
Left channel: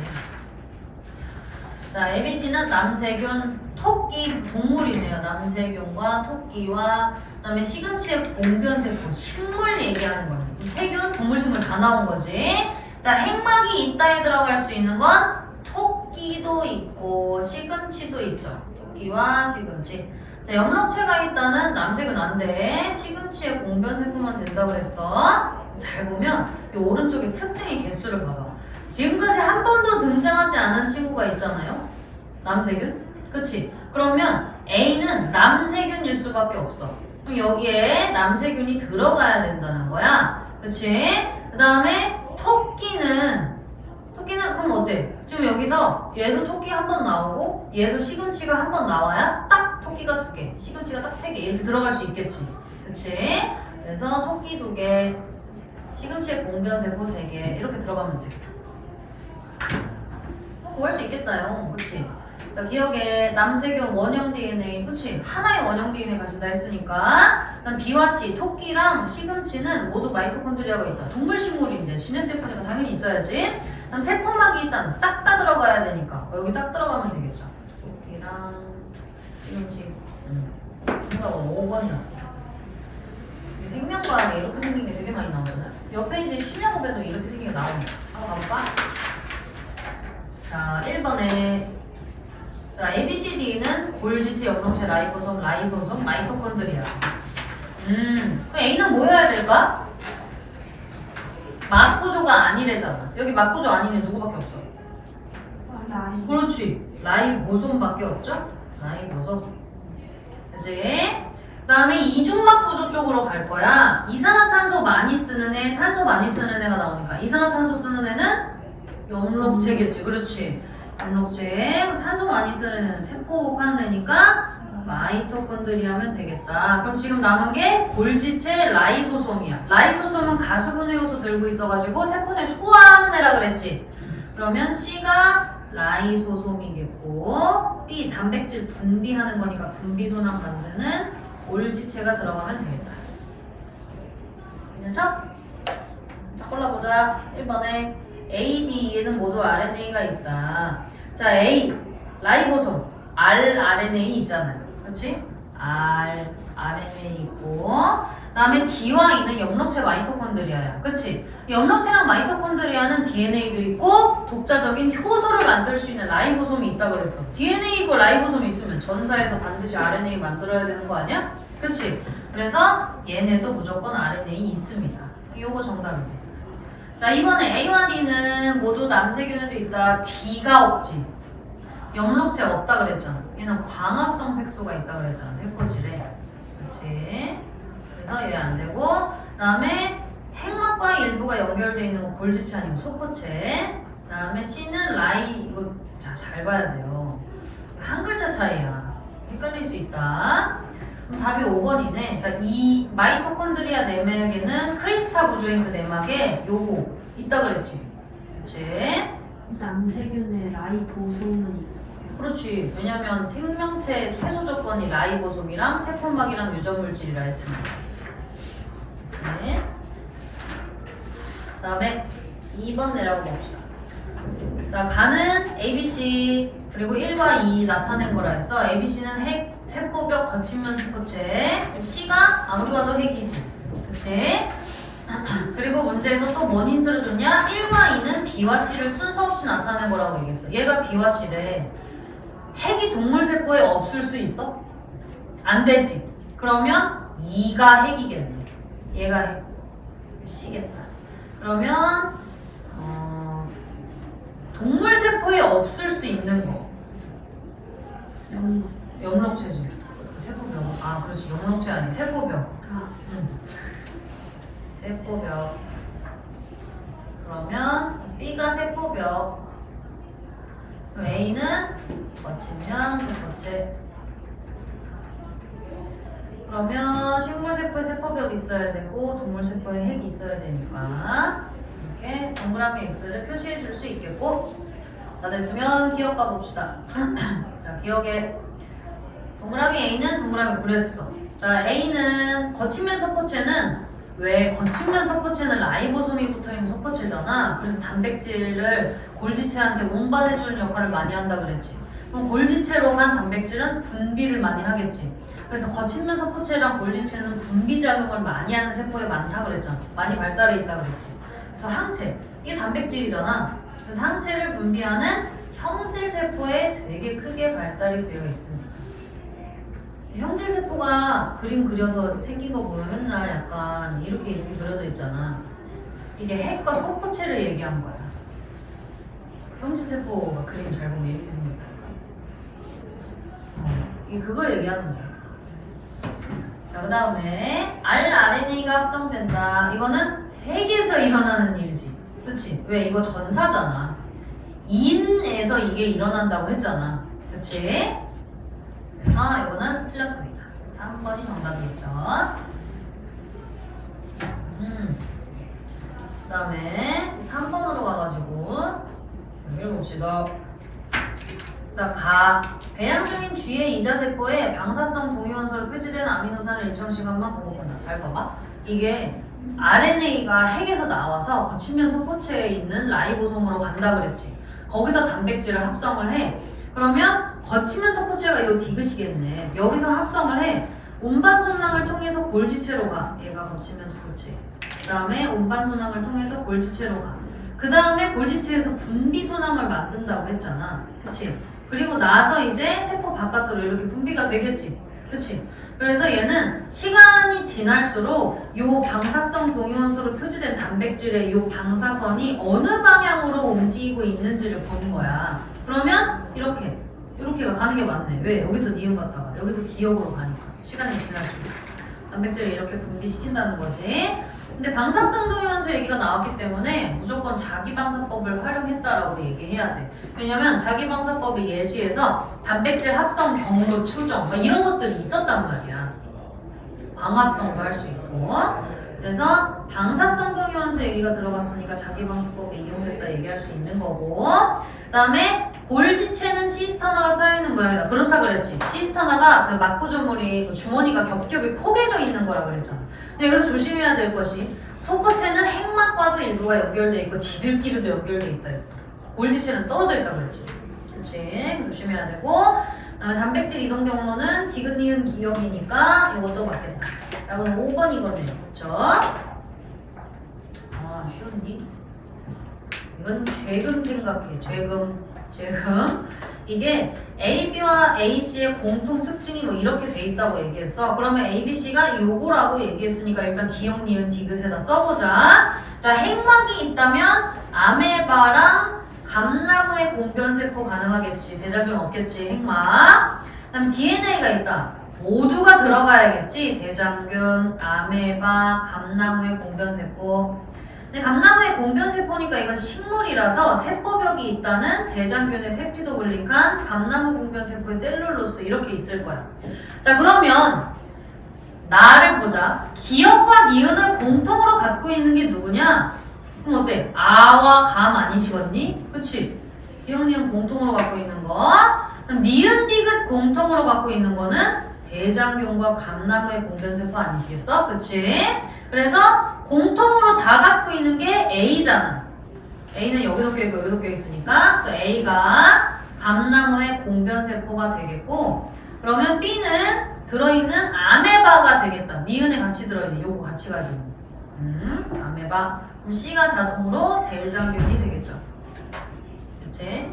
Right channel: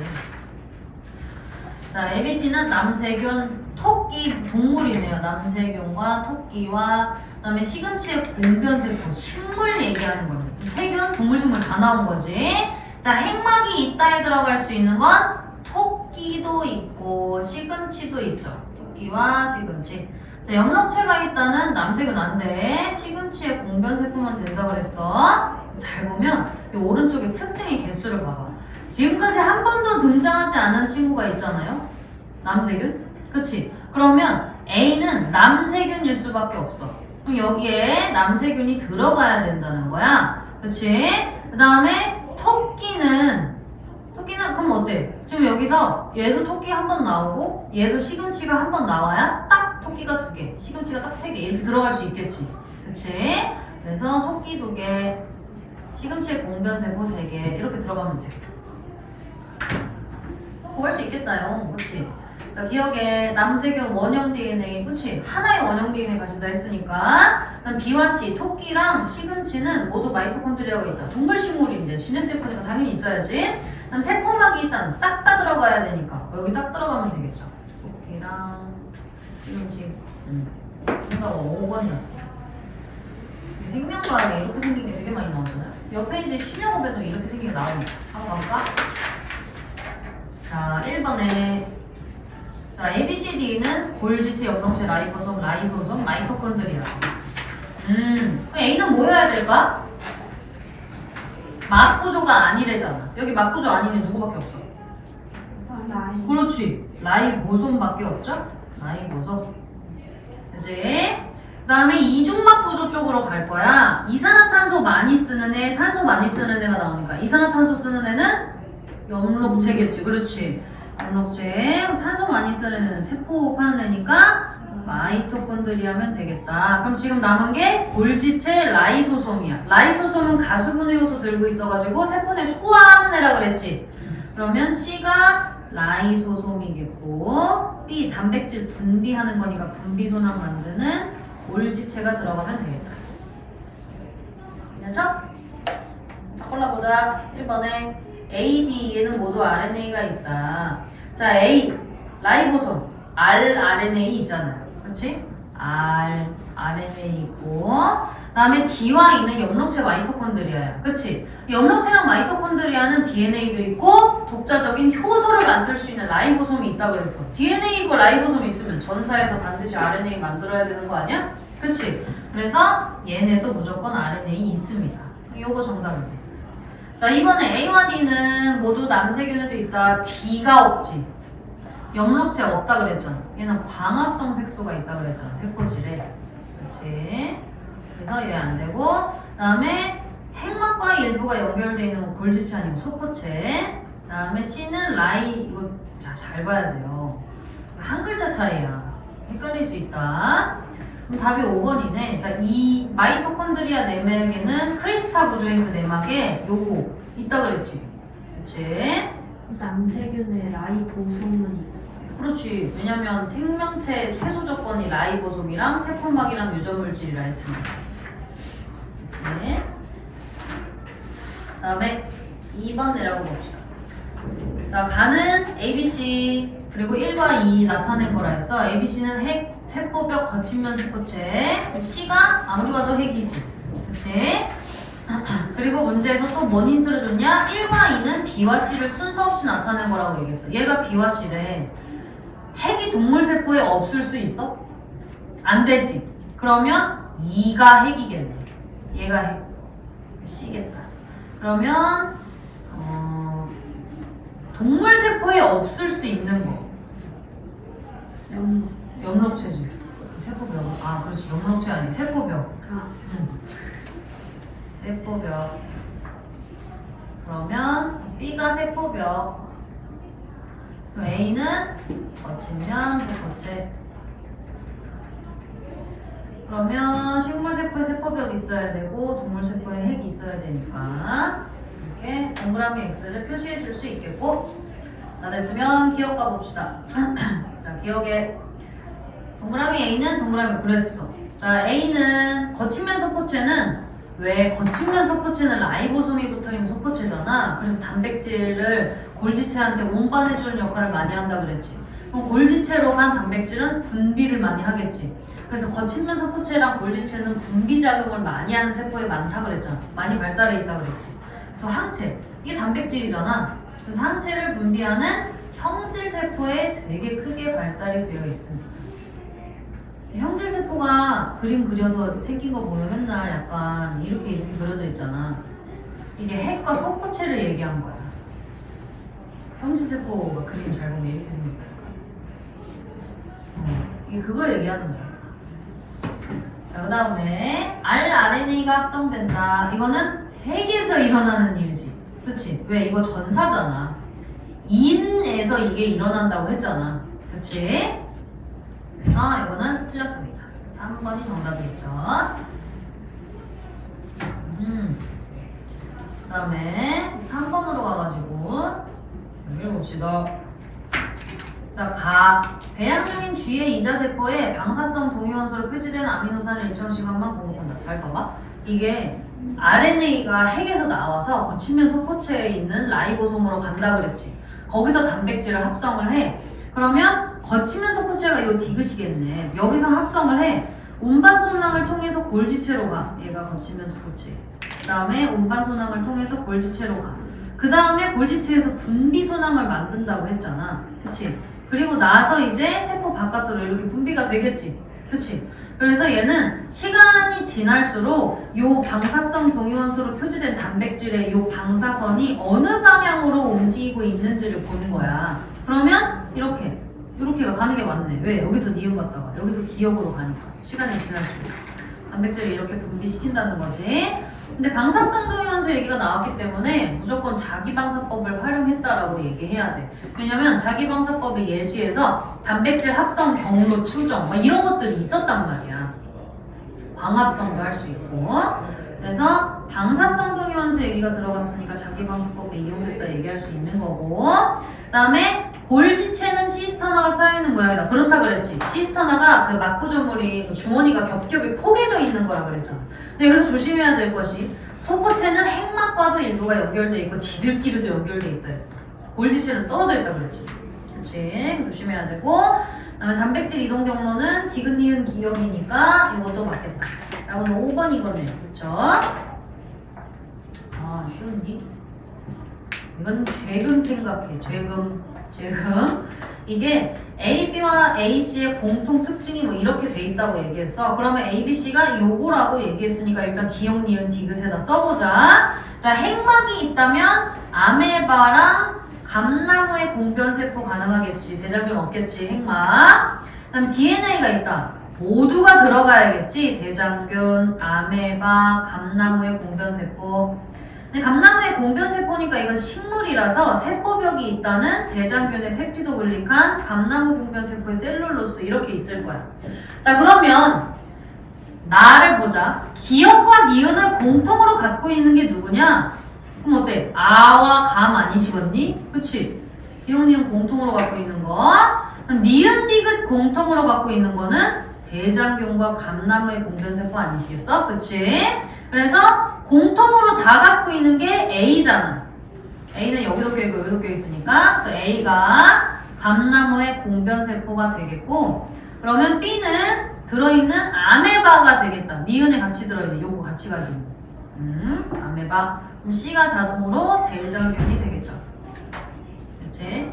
자, ABC는 남세균, 토끼, 동물이네요. 남세균과 토끼와 그다음에 시금치의 공변세포, 식물 얘기하는 거예요. 세균, 동물, 식물 다 나온 거지. 자, 핵막이 있다에 들어갈 수 있는 건 토끼도 있고 시금치도 있죠. 토끼와 시금치. 자, 엽록체가 있다는 남세균 안 돼. 시금치의 공변세포만 된다 그랬어. 잘 보면 이 오른쪽에 특징의 개수를 봐봐. 지금까지 한 번도 등장하지 않은 친구가 있잖아요. 남세균? 그치? 그러면 A는 남세균일 수밖에 없어. 그럼 여기에 남세균이 들어가야 된다는 거야. 그치? 그 다음에 토끼는 그럼 어때? 지금 여기서 얘도 토끼 한 번 나오고 얘도 시금치가 한 번 나와야 딱 토끼가 2개, 시금치가 딱 3개 이렇게 들어갈 수 있겠지. 그치? 그래서 토끼 2개, 시금치의 공변세포 3개 이렇게 들어가면 돼. 구할 수 있겠다요. 그치? 자, 기억에 남세균 원형 DNA, 그치? 하나의 원형 DNA 가진다 했으니까. 그다음 B와 C, 토끼랑 시금치는 모두 마이토콘드리아가 있다. 동물식물인데 진해세포니까 당연히 있어야지. 그다음 세포막이 일단 싹 다 들어가야 되니까 여기 딱 들어가면 되겠죠. 토끼랑 시금치. 그러니까 5번이었어요. 생명과학에 이렇게 생긴 게 되게 많이 나오잖아요. 옆에 이제 심리학업에도 이렇게 생긴 게 나오니까 한번 가볼까? 자, 1번에 자, ABCD는 골지체, 엽록체, 라이보솜, 라이소솜, 마이토콘드리아. 그럼 A는 뭐 해야 될까? 막구조가 아니래잖아. 여기 막구조 아닌 애 누구밖에 없어? 라이. 그렇지. 라이보솜밖에 없죠? 라이보솜. 그치? 그 다음에 이중막구조 쪽으로 갈 거야. 이산화탄소 많이 쓰는 애, 산소 많이 쓰는 애가 나오니까 이산화탄소 쓰는 애는 엽록체겠지. 그렇지. 엽록체. 산소 많이 쓰는 애는 세포 파는 애니까 마이토콘드리아면 되겠다. 그럼 지금 남은 게 골지체 라이소솜이야. 라이소솜은 가수분해 요소 들고 있어가지고 세포 내 소화하는 애라 그랬지. 그러면 C가 라이소솜이겠고 B 단백질 분비하는 거니까 분비소낭 만드는 골지체가 들어가면 되겠다. 괜찮죠? 골라보자. 1번에 A, D, E는 모두 RNA가 있다. 자, A 라이보솜 rRNA 있잖아요. 그치? rRNA 있고 그 다음에 D와 E는 엽록체 마이토콘드리아야. 그치? 엽록체랑 마이토콘드리아는 DNA도 있고 독자적인 효소를 만들 수 있는 라이보솜이 있다 그랬어. DNA고 라이보솜 있으면 전사에서 반드시 RNA 만들어야 되는 거 아니야? 그치? 그래서 얘네도 무조건 RNA 있습니다. 요거 정답이네. 자, 이번에 A와 D는 모두 남세균에도 있다. D가 없지. 엽록체 없다 그랬잖아. 얘는 광합성 색소가 있다 그랬잖아. 세포질에. 그치? 그래서 얘 안 되고 그 다음에 핵막과 일부가 연결되어 있는 건 골지체 아니고 소포체. 그 다음에 C는 라이. 이거 잘 봐야 돼요. 한 글자 차이야. 헷갈릴 수 있다. 그럼 답이 5번이네. 자, 이 마이토콘드리아 내막에는 크리스타 구조인 그 내막에 요거 있다 그랬지. 그치? 남세균의 라이보솜은 있는 그렇지. 왜냐면 생명체 최소 조건이 라이보솜이랑 세포막이랑 유전물질이라 했습니다. 그치? 그 다음에 2번 내려가 봅시다. 자, 가는 ABC 그리고 1과 2 나타낸 거라 했어. ABC는 핵, 세포벽, 거친면 세포체. C가 아무리 봐도 핵이지. 그치? 그리고 문제에서 또 뭔 힌트를 줬냐? 1과 2는 B와 C를 순서 없이 나타낸 거라고 얘기했어. 얘가 B와 C래. 핵이 동물 세포에 없을 수 있어? 안 되지. 그러면 2가 핵이겠네. 얘가 핵. C겠다. 그러면 동물 세포에 없을 수 있는 거. 엽록체질. 세포벽. 아, 그렇지. 엽록체 아니 세포벽. 세포벽. 그러면 B가 세포벽. 그럼 A는 거치면 거체. 그러면 식물 세포에 세포벽이 있어야 되고 동물 세포에 핵이 있어야 되니까 이렇게 동그라미 X를 표시해 줄 수 있겠고, 다 됐으면 기억 가봅시다. 자, 기억에 동그라미 A는 동그라미 그랬어. 자, A는 거친면 서포체는 왜 거친면 서포체는 라이보솜이 붙어있는 서포체잖아. 그래서 단백질을 골지체한테 운반해주는 역할을 많이 한다 그랬지. 그럼 골지체로 간 단백질은 분비를 많이 하겠지. 그래서 거친면 서포체랑 골지체는 분비 작용을 많이 하는 세포에 많다 그랬잖아. 많이 발달해 있다 그랬지. 그래서 항체, 이게 단백질이잖아. 그래서 항체를 분비하는 형질 세포에 되게 크게 발달이 되어 있습니다. 형질 세포가 그림 그려서 생긴 거 보면 맨날 약간 이렇게 그려져 있잖아. 이게 핵과 서포체를 얘기한 거야. 형질 세포가 그림 잘 보면 이렇게 생겼다니까. 이게 그거 얘기하는 거야. 자, 그 다음에 rRNA가 합성된다. 이거는 핵에서 일어나는 일이지. 그치? 왜? 이거 전사잖아. 인에서 이게 일어난다고 했잖아. 그치? 그래서 이거는 틀렸습니다. 3번이 정답이겠죠. 그 다음에 3번으로 가가지고 여기를 봅시다. 자, 배양 중인 쥐의 이자세포에 방사성 동위원소로 표시된 아미노산을 일정 시간만 공급한다. 잘 봐봐. 이게 RNA가 핵에서 나와서 거친면 서포체에 있는 라이보솜으로 간다 그랬지. 거기서 단백질을 합성을 해. 그러면 거치면 서포체가 이 디귿이겠네. 여기서 합성을 해. 운반 소낭을 통해서 골지체로 가. 얘가 거치면 서포체. 그 다음에 운반 소낭을 통해서 골지체로 가. 그 다음에 골지체에서 분비 소낭을 만든다고 했잖아. 그치? 그리고 나서 이제 세포 바깥으로 이렇게 분비가 되겠지. 그치? 그래서 얘는 시간이 지날수록 요 방사성 동위원소로 표시된 단백질의 요 방사선이 어느 방향으로 움직이고 있는지를 보는 거야. 그러면 이렇게가 가는 게 맞네. 왜? 여기서 니은 갔다가 여기서 기억으로 가니까 시간이 지날수록 단백질을 이렇게 분비시킨다는 거지. 근데 방사성 동위원소 얘기가 나왔기 때문에 무조건 자기방사법을 활용했다라고 얘기해야 돼. 왜냐면 자기방사법의 예시에서 단백질 합성 경로 추정 이런 것들이 있었단 말이야. 광합성도 할 수 있고. 그래서 방사성 동위원소 얘기가 들어갔으니까 자기방사법에 이용됐다 얘기할 수 있는 거고, 그 다음에 골지체는 시스터나가 쌓여있는 모양이다. 그렇다 그랬지. 시스터나가 그 막구조물이 주머니가 겹겹이 포개져 있는 거라 그랬잖아. 근데 여기서 조심해야 될 것이 소포체는 핵막과도 일부가 연결돼 있고 지들끼리도 연결돼 있다 했어. 골지체는 떨어져 있다 그랬지. 그치? 조심해야 되고, 그 다음에 단백질 이동 경로는 디귿 기억이니까 이것도 맞겠다. 이거는 5번이거든요. 그쵸? 아, 쉬웠니? 이건 죄금 생각해. 죄금. 이게 A, B와 A, C의 공통 특징이 뭐 이렇게 돼 있다고 얘기했어. 그러면 A, B, C가 요거라고 얘기했으니까 일단 기억, 니은, 디귿에다 써보자. 자, 핵막이 있다면 아메바랑 감나무의 공변세포 가능하겠지. 대장균 없겠지. 핵막. 그 다음에 DNA가 있다. 모두가 들어가야겠지. 대장균, 아메바, 감나무의 공변세포. 근데 감나무의 공변세포니까 이건 식물이라서 세포벽이 있다는 대장균의 펩티도글리칸, 감나무 공변세포의 셀룰로스 이렇게 있을 거야. 자, 그러면 나를 보자. 기억과 니은을 공통으로 갖고 있는 게 누구냐? 그럼 어때? 아와 감 아니시겠니? 그치? 기억, 니은 공통으로 갖고 있는 거. 그럼 니은, 디귿 공통으로 갖고 있는 거는 대장균과 감나무의 공변세포 아니시겠어? 그치? 그래서 공통으로 다 갖고 있는 게 A잖아. A는 여기도 껴있고 여기도 껴있으니까. 그래서 A가 감나무의 공변세포가 되겠고, 그러면 B는 들어있는 아메바가 되겠다. 니은에 같이 들어있는 요거 같이 가지고. 아메바. 그럼 C가 자동으로 대장균이 되겠죠. 그치?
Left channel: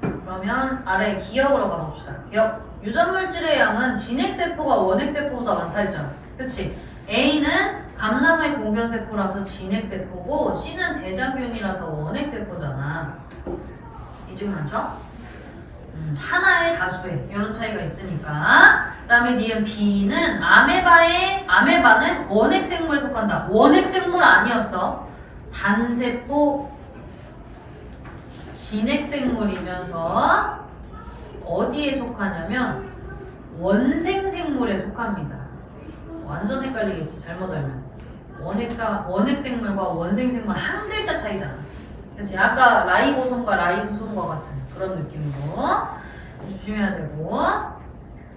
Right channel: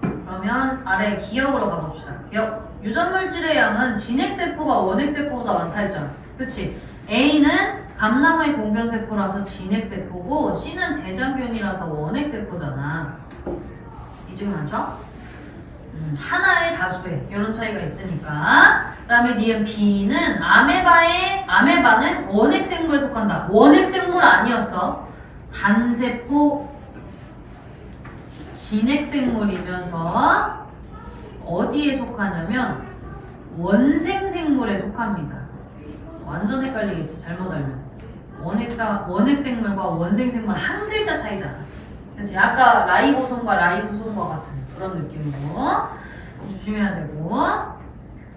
그러면 아래 기억으로 가봅시다. 기억. 유전물질의 양은 진핵세포가 원핵세포보다 많다 했잖아. 그치? A는 감나무의 공변세포라서 진핵세포고 C는 대장균이라서 원핵세포잖아. 이쪽이 많죠? 하나의 다수에 이런 차이가 있으니까. 그 다음에 니은 B는 아메바는 원핵생물에 속한다. 원핵생물 아니었어. 단세포 진핵생물이면서 어디에 속하냐면 원생생물에 속합니다. 완전 헷갈리겠지 잘못 알면. 원핵생물과 원생생물 한 글자 차이잖아. 그치? 아까 라이보솜과 라이소솜과 같은 그런 느낌으로 조심해야 되고.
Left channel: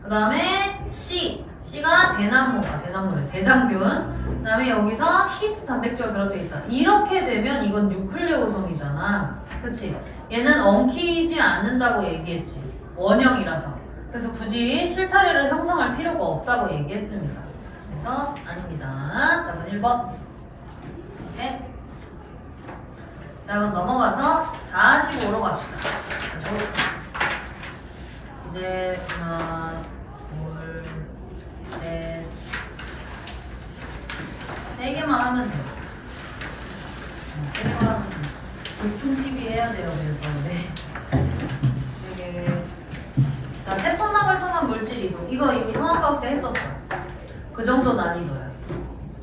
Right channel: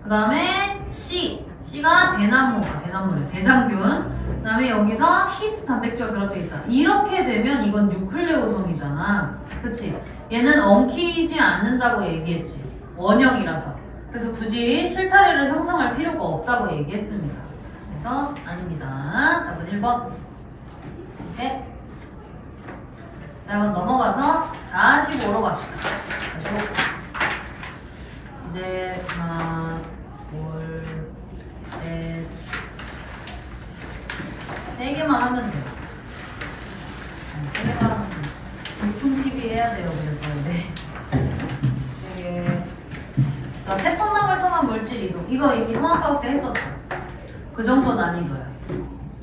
그 다음에 C가 대나무래 대장균. 그 다음에 여기서 히스토 단백질과 결합되어 있다. 이렇게 되면 이건 뉴클레오솜이잖아. 그치? 얘는 엉키지 않는다고 얘기했지. 원형이라서. 그래서 굳이 실타래를 형성할 필요가 없다고 얘기했습니다. 그래서 아닙니다. 답은 1번. 오케이. 자, 그럼 넘어가서 45로 갑시다. 45. 이제 하나, 둘, 셋, 3개만 하면 돼요. 3개만 하면 돼요. 보충 TV 해야 돼요. 그래서 네. 이게 자, 세포막을 통한 물질 이동. 이거 이미 통합과학 때 했었어. 그 정도 난이도야.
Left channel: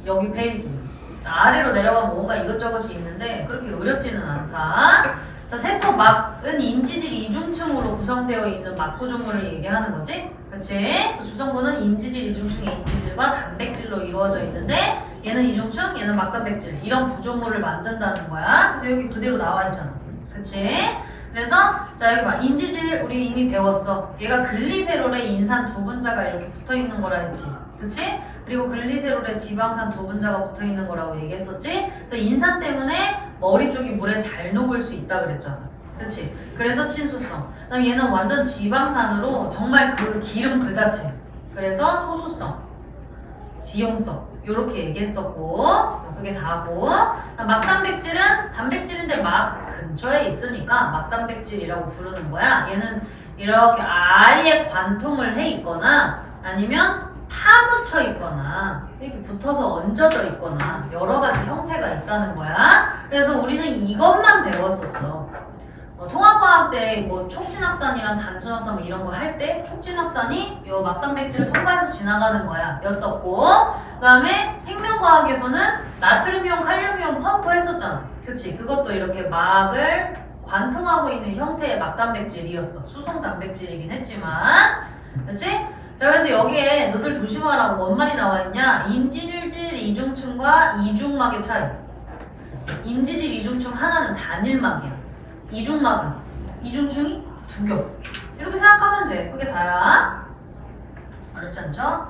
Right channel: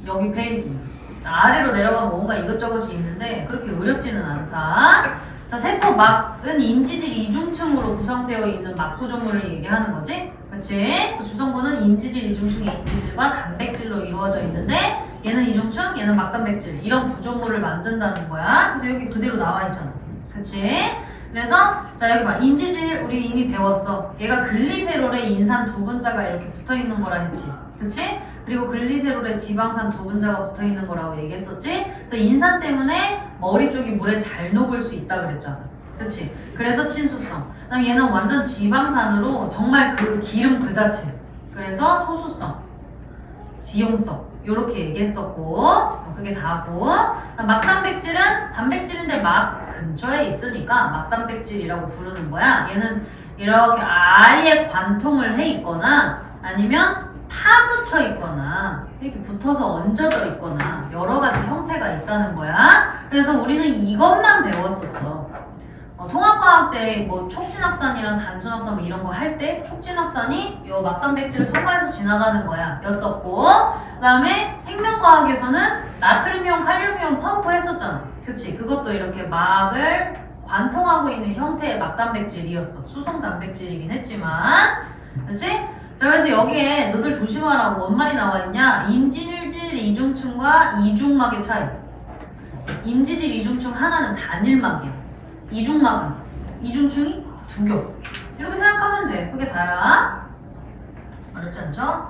여기 페이지. 자, 아래로 내려가면 뭔가 이것저것이 있는데 그렇게 어렵지는 않다. 자, 세포막은 인지질 이중층으로 구성되어 있는 막 구조물을 얘기하는 거지. 그치? 그래서 주성분은 인지질 이중층의 인지질과 단백질로 이루어져 있는데 얘는 이중층, 얘는 막단백질 이런 구조물을 만든다는 거야. 그래서 여기 그대로 나와 있잖아. 그치? 그래서 자 여기 봐. 인지질 우리 이미 배웠어. 얘가 글리세롤에 인산 두 분자가 이렇게 붙어 있는 거라 했지. 그치? 그리고 글리세롤에 지방산 두 분자가 붙어 있는 거라고 얘기했었지? 그래서 인산 때문에 머리 쪽이 물에 잘 녹을 수 있다 그랬잖아. 그치? 그래서 친수성. 그다음 얘는 완전 지방산으로 정말 그 기름 그 자체. 그래서 소수성, 지용성 요렇게 얘기했었고 그게 다고. 막단백질은 단백질인데 막 근처에 있으니까 막단백질이라고 부르는 거야. 얘는 이렇게 아예 관통을 해 있거나 아니면 파묻혀 있거나 이렇게 붙어서 얹어져 있거나 여러 가지 형태가 있다는 거야. 그래서 우리는 이것만 배웠었어. 통합과학 때 뭐 촉진확산이랑 단순확산 뭐 이런 거 할 때 촉진확산이 요 막단백질을 통과해서 지나가는 거야 였었고, 그 다음에 생명과학에서는 나트륨이온, 칼륨이온 펌프 했었잖아. 그치? 그것도 이렇게 막을 관통하고 있는 형태의 막단백질이었어. 수송 단백질이긴 했지만. 그치? 자, 그래서 여기에 너들 조심하라고 뭔 말이 나와 있냐? 인지질 이중층과 이중막의 차이. 인지질 이중층 하나는 단일막이야. 이중막은 이중층이 두 겹. 이렇게 생각하면 돼. 그게 다야. 어렵지 않죠?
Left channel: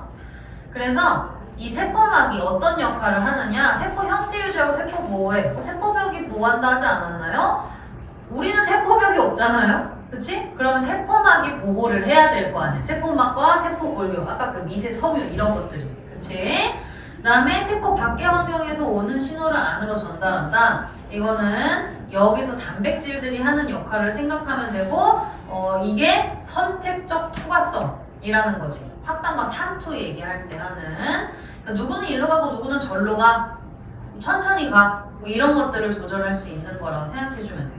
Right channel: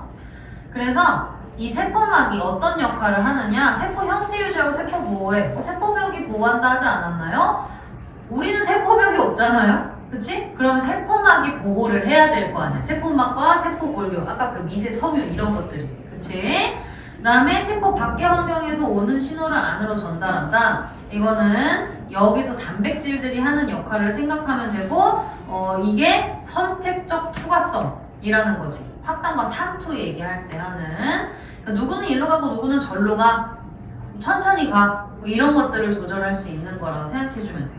그래서 이 세포막이 어떤 역할을 하느냐? 세포 형태 유지하고 세포 보호해. 세포벽이 보호한다 하지 않았나요? 우리는 세포벽이 없잖아요? 그치? 그러면 세포막이 보호를 해야 될 거 아니야. 세포막과 세포 골격, 아까 그 미세 섬유 이런 것들이. 그치? 그 다음에 세포 밖의 환경에서 오는 신호를 안으로 전달한다. 이거는 여기서 단백질들이 하는 역할을 생각하면 되고, 이게 선택적 투과성이라는 거지. 확산과 상투 얘기할 때 하는. 그러니까 누구는 일로 가고 누구는 절로 가. 천천히 가. 뭐 이런 것들을 조절할 수 있는 거라고 생각해주면 돼.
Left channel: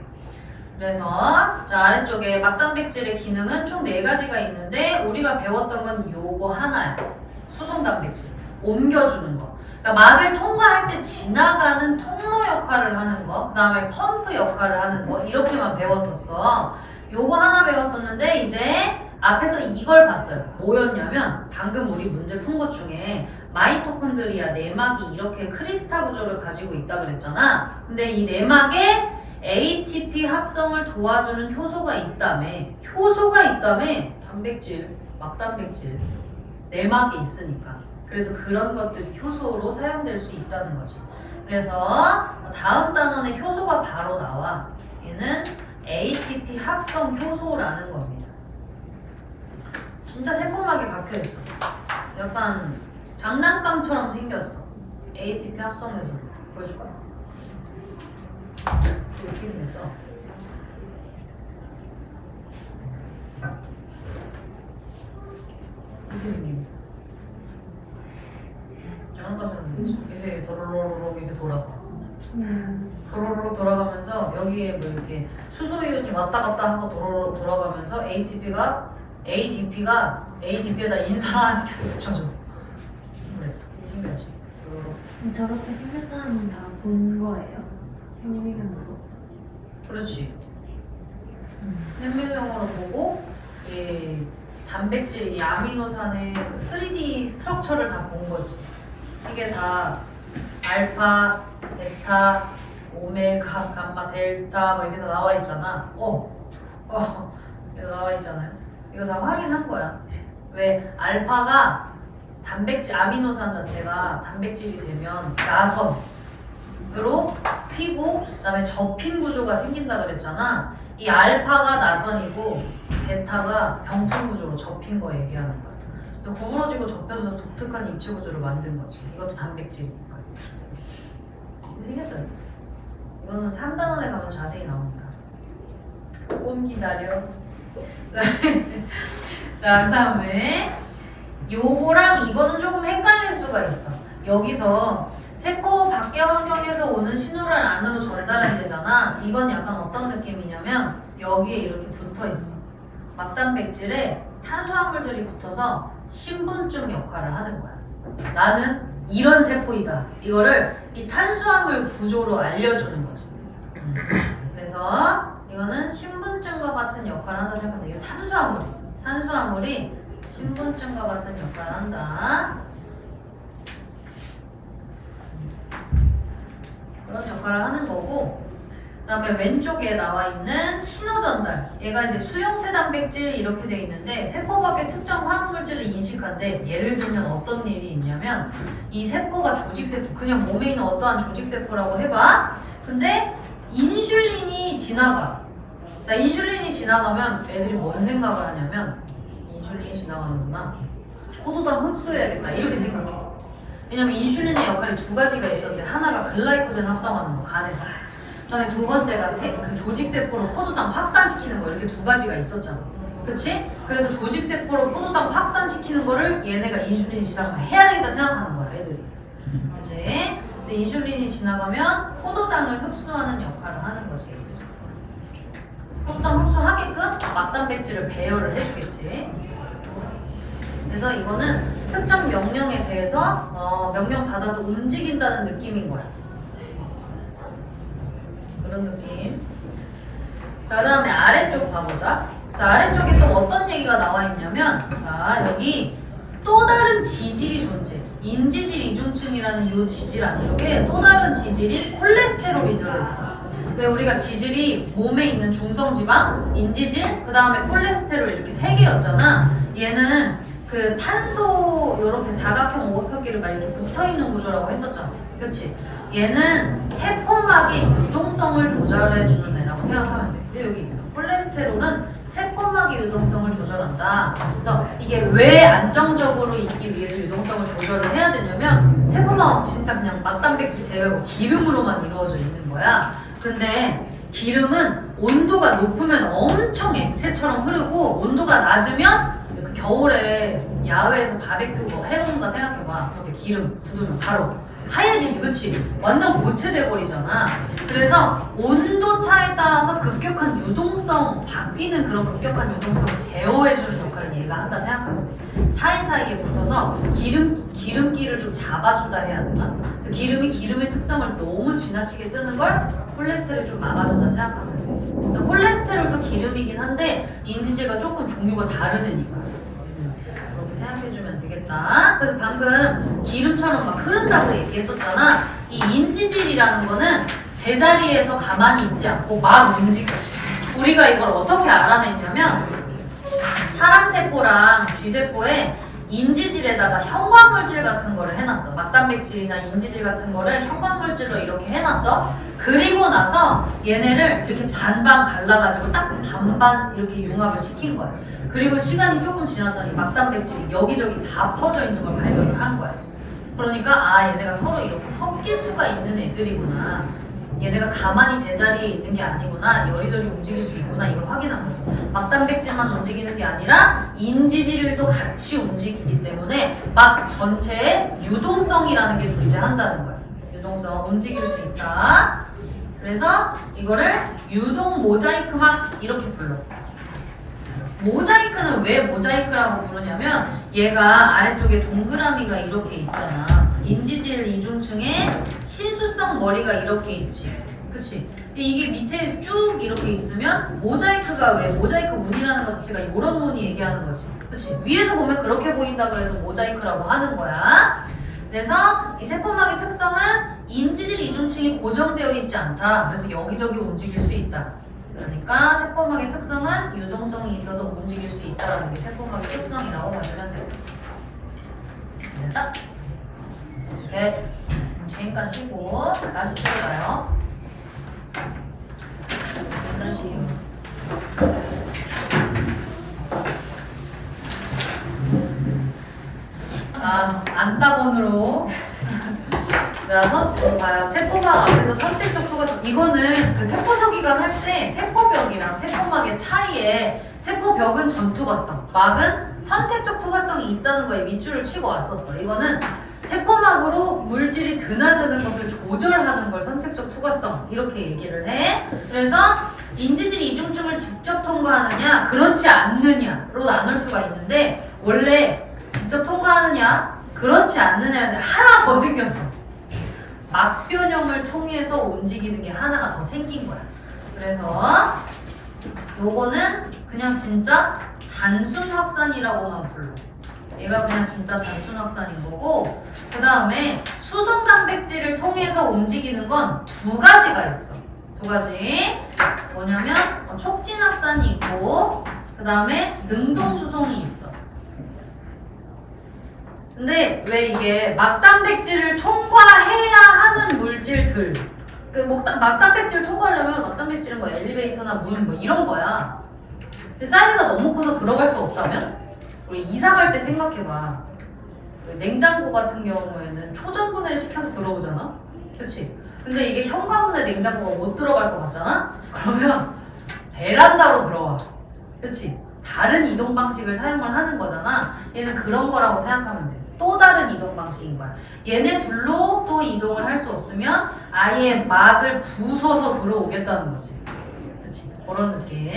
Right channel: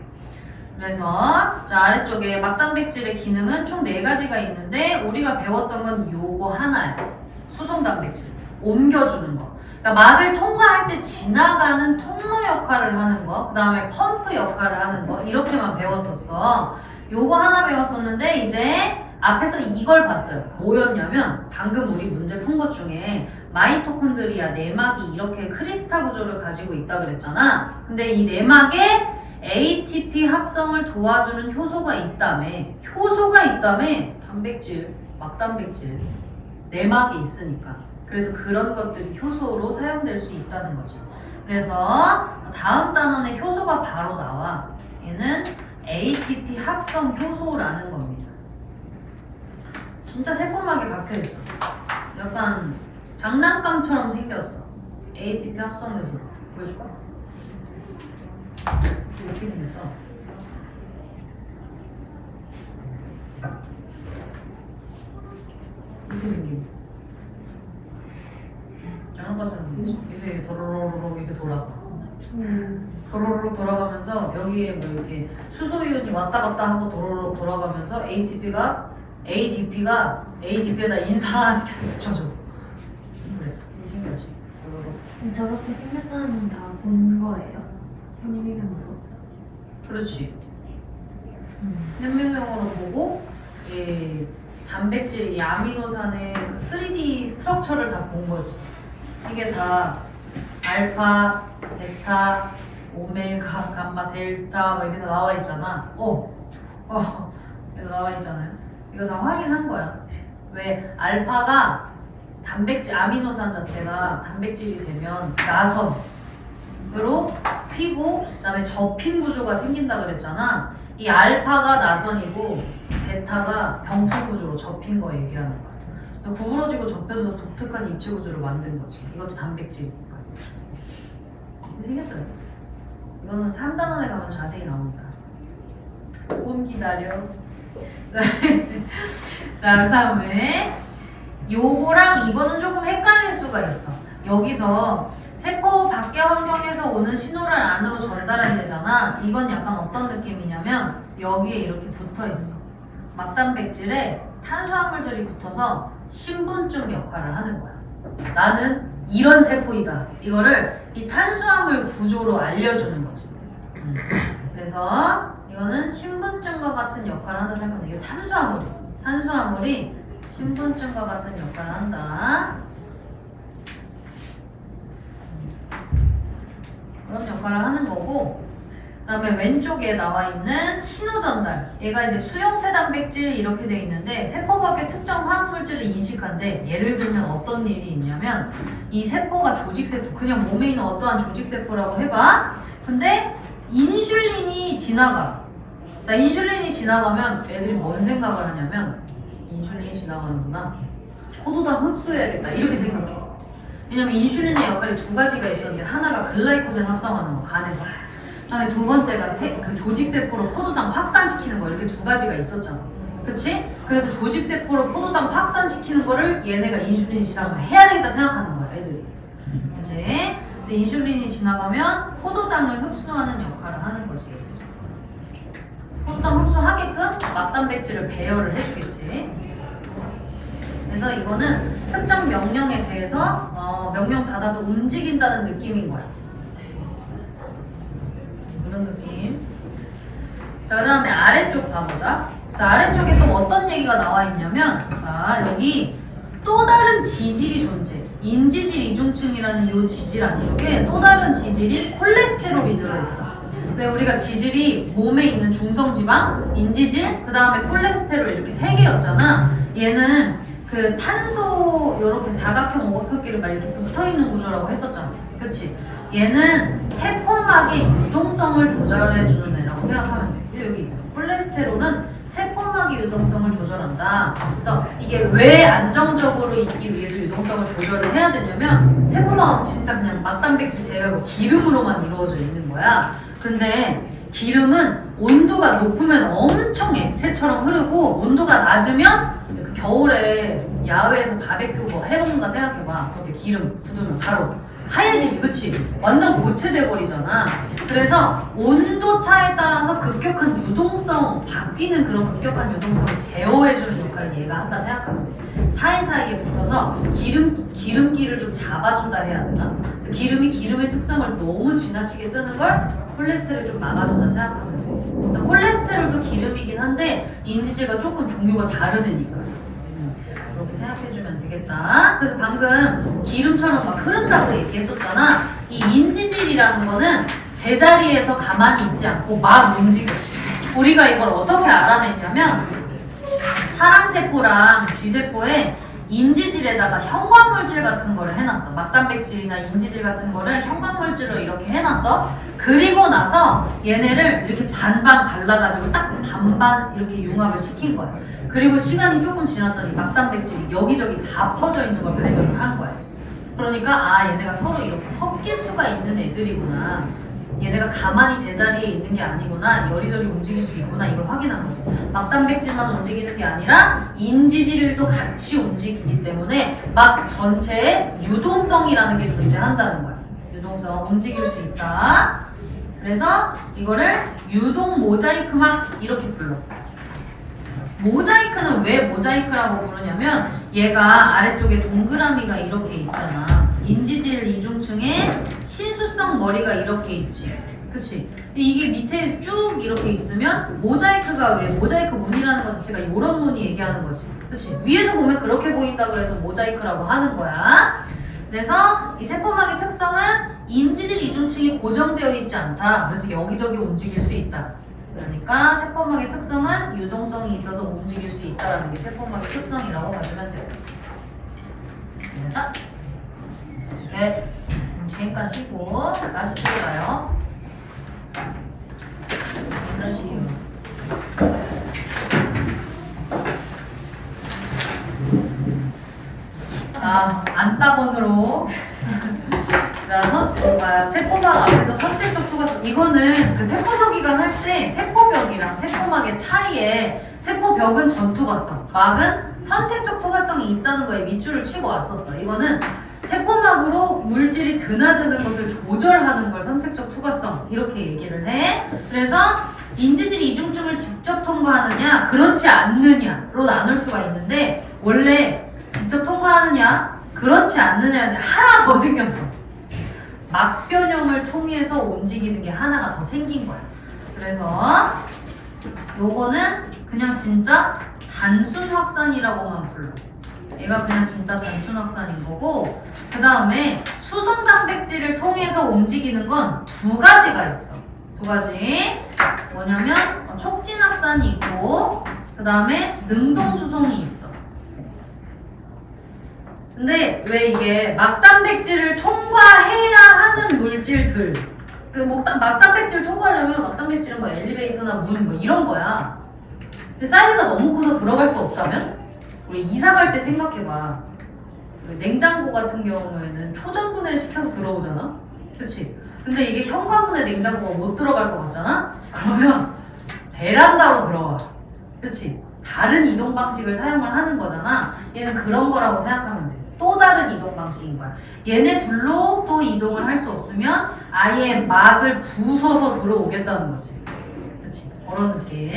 그래서 자 아래쪽에 막단백질의 기능은 총 4가지가 있는데 우리가 배웠던 건 요거 하나야. 수송단백질. 옮겨주는 거. 그러니까 막을 통과할 때 지나가는 통로 역할을 하는 거, 그 다음에 펌프 역할을 하는 거 이렇게만 배웠었어. 요거 하나 배웠었는데 이제 앞에서 이걸 봤어요. 뭐였냐면 방금 우리 문제 푼 것 중에 마이토콘드리아 내막이 이렇게 크리스탈 구조를 가지고 있다 그랬잖아. 근데 이 내막에 ATP 합성을 도와주는 효소가 있다며. 효소가 있다며. 단백질, 막단백질, 내막이 있으니까. 그래서 그런 것들이 효소로 사용될 수 있다는 거지. 그래서 다음 단원에 효소가 바로 나와. 얘는 ATP 합성 효소라는 겁니다. 진짜 세포막이 박혀있어. 약간 장난감처럼 생겼어. ATP 합성 효소로. 보여줄까? 어떻게 생겼어? 그렇게 생긴. 장난감처럼 생겼지. 그래서 이게 도로로록 이렇게 돌아가. 도로로 돌아가면서 여기에 뭐 이렇게 수소이온이 왔다 갔다 하고 도로로 돌아가면서 ADP에다 인산 하나씩 계속 붙여줘. 그래, 신기하지. 도로로. 저렇게 생겼다는 다 본 거예요? 현미경으로? 그렇지. 현미경으로 보고 이 단백질, 이 아미노산의 3D 스트럭처를 다 본 거지. 이게 다 알파, 베타, 오메가, 감마, 델타 뭐 이렇게 다 나와 있잖아. 이거 나와 있잖아요. 이거 다 확인한 거야. 왜 알파가 단백질, 아미노산 자체가 단백질이 되면 나선으로 피고 그다음에 접힌 구조가 생긴다 그랬잖아. 이 알파가 나선이고 베타가 병풍 구조로 접힌 거 얘기하는 거야. 그래서 구부러지고 접혀서 독특한 입체 구조를 만든 거지. 이것도 단백질이니까. 생겼어요. 이거는 3단원에 가면 자세히 나옵니다. 조금 기다려. 자, 그 다음에 요거랑 이거는 조금 헷갈릴 수가 있어. 여기서 세포 밖의 환경에서 오는 신호를 안으로 전달해야 되잖아. 이건 약간 어떤 느낌이냐면 여기에 이렇게 붙어 있어. 막단백질에 탄수화물들이 붙어서 신분증 역할을 하는 거야. 나는 이런 세포이다. 이거를 이 탄수화물 구조로 알려주는 거지. 그래서 이거는 신분증과 같은 역할을 한다 생각하면 이게 탄수화물이 신분증과 같은 역할을 한다. 그런 역할을 하는 거고, 그 다음에 왼쪽에 나와 있는 신호전달. 얘가 이제 수용체 단백질 이렇게 돼 있는데 세포 밖의 특정 화학물질을 인식한데, 예를 들면 어떤 일이 있냐면 이 세포가 조직세포, 그냥 몸에 있는 어떠한 조직세포라고 해봐. 근데 인슐린이 지나가. 자, 인슐린이 지나가면 애들이 뭔 생각을 하냐면 인슐린이 지나가는구나. 포도당 흡수해야겠다. 이렇게 생각해. 왜냐면 인슐린의 역할이 두 가지가 있었는데 하나가 글라이코젠 합성하는 거, 간에서. 그다음에 두 번째가 그 조직세포로 포도당 확산시키는 거, 이렇게 두 가지가 있었잖아. 그치? 그래서 조직세포로 포도당 확산시키는 거를 얘네가 인슐린이 지나가면 해야 되겠다 생각하는 거야, 애들이. 그치? 그래서 인슐린이 지나가면 포도당을 흡수하는 역할을 하는 거지. 포도당 흡수하게끔 막단백질을 배열을 해주겠지. 그래서 이거는 특정 명령에 대해서 명령 받아서 움직인다는 느낌인 거야. 그런 느낌. 자, 그 다음에 아래쪽 봐보자. 자, 아래쪽에 또 어떤 얘기가 나와 있냐면, 자, 여기 또 다른 지질이 존재. 인지질 이중층이라는 이 지질 안쪽에 또 다른 지질이 콜레스테롤이 들어있어. 왜 우리가 지질이 몸에 있는 중성지방, 인지질, 그 다음에 콜레스테롤 이렇게 세 개였잖아. 얘는 그 탄소 요렇게 사각형, 오각형끼리 막 이렇게 붙어있는 구조라고 했었잖아. 그치? 얘는 세포막의 유동성을 조절해주는 애라고 생각하면 돼. 여기 있어. 콜레스테롤은 세포막의 유동성을 조절한다. 그래서 이게 왜 안정적으로 있기 위해서 유동성을 조절을 해야 되냐면 세포막은 진짜 그냥 막단백질 제외하고 기름으로만 이루어져 있는 거야. 근데 기름은 온도가 높으면 엄청 액체처럼 흐르고 온도가 낮으면 그 겨울에 야외에서 바베큐 뭐 해먹는다 생각해봐. 그렇게 기름 굳으면 바로 하얘지지, 그치? 완전 고체돼 버리잖아. 그래서 온도 차에 따라서 급격한 유동성, 바뀌는 그런 급격한 유동성을 제어해주는 역할을 얘가 한다 생각하면 돼. 사이사이에 붙어서 기름기를 좀 잡아준다 해야 되나? 그래서 기름의 특성을 너무 지나치게 뜨는 걸 콜레스테롤이 좀 막아준다 생각하면 돼. 콜레스테롤도 기름이긴 한데 인지질과 조금 종류가 다른 애니까. 그렇게 생각해주면 되겠다. 그래서 방금 기름처럼 막 흐른다고 얘기했었잖아. 이 인지질이라는 거는 제자리에서 가만히 있지 않고 막 움직여. 우리가 이걸 어떻게 알아냈냐면 사람 세포랑 쥐세포에 인지질에다가 형광물질 같은 거를 해놨어. 막단백질이나 인지질 같은 거를 형광물질로 이렇게 해놨어. 그리고 나서 얘네를 이렇게 반반 갈라가지고 딱 반반 이렇게 융합을 시킨 거야. 그리고 시간이 조금 지났더니 막단백질이 여기저기 다 퍼져 있는 걸 발견을 한 거야. 그러니까 아, 얘네가 서로 이렇게 섞일 수가 있는 애들이구나. 얘네가 가만히 제자리에 있는 게 아니구나, 여리저리 움직일 수 있구나, 이걸 확인한 거지. 막단백질만 움직이는 게 아니라 인지질도 같이 움직이기 때문에 막 전체에 유동성이라는 게 존재한다는 거야. 유동성, 움직일 수 있다. 그래서 이거를 유동 모자이크막 이렇게 불러. 모자이크는 왜 모자이크라고 부르냐면 얘가 아래쪽에 동그라미가 이렇게 있잖아. 인지질 이중층에 친수성 머리가 이렇게 있지. 그치? 근데 이게 밑에 쭉 이렇게 있으면 모자이크가 왜 모자이크 문이라는 것 자체가 이런 문이 얘기하는 거지. 그치? 위에서 보면 그렇게 보인다 그래서 모자이크라고 하는 거야. 그래서 이 세포막의 특성은 인지질 이중층이 고정되어 있지 않다. 그래서 여기저기 움직일 수 있다. 그러니까 세포막의 특성은 유동성이 있어서 움직일 수 있다는 게 세포막의 특성이라고 봐주면 돼요. 됐죠? 네. 잠깐 쉬고 40초 가요. 안따본으로 자, 세포막 앞에서 선택적 투과성. 이거는 그 세포서기관 할 때 세포벽이랑 세포막의 차이에 세포벽은 전투과성, 막은 선택적 투과성이 있다는 거에 밑줄을 치고 왔었어. 이거는 세포막으로 물질이 드나드는 것을 조절하는 걸 선택적 투과성 이렇게 얘기를 해. 그래서 인지질 이중층을 직접 통과하느냐 그렇지 않느냐로 나눌 수가 있는데 원래 직접 통과하느냐 그렇지 않느냐인데 하나 더 생겼어. 막변형을 통해서 움직이는 게 하나가 더 생긴 거야. 그래서 요거는 그냥 진짜 단순 확산이라고만 불러. 얘가 그냥 진짜 단순 확산인 거고, 그 다음에 수송 단백질을 통해서 움직이는 건 두 가지가 있어. 두 가지. 뭐냐면 촉진 확산이 있고, 그 다음에 능동 수송이 있어. 근데 왜 이게 막단백질을 통과해야 하는 물질들, 그 막단백질을 통과하려면 막단백질은 뭐 엘리베이터나 문 뭐 이런 거야. 근데 사이즈가 너무 커서 들어갈 수 없다면? 우리 이사 갈 때 생각해봐. 냉장고 같은 경우에는 초전분해를 시켜서 들어오잖아? 그치? 근데 이게 현관문에 냉장고가 못 들어갈 것 같잖아? 그러면 베란다로 들어와. 그치? 다른 이동 방식을 사용을 하는 거잖아. 얘는 그런 거라고 생각하면 돼. 또 다른 이동 방식인 거야. 얘네 둘로 또 이동을 할 수 없으면 아예 막을 부숴서 들어오겠다는 거지. 그치? 그런 느낌.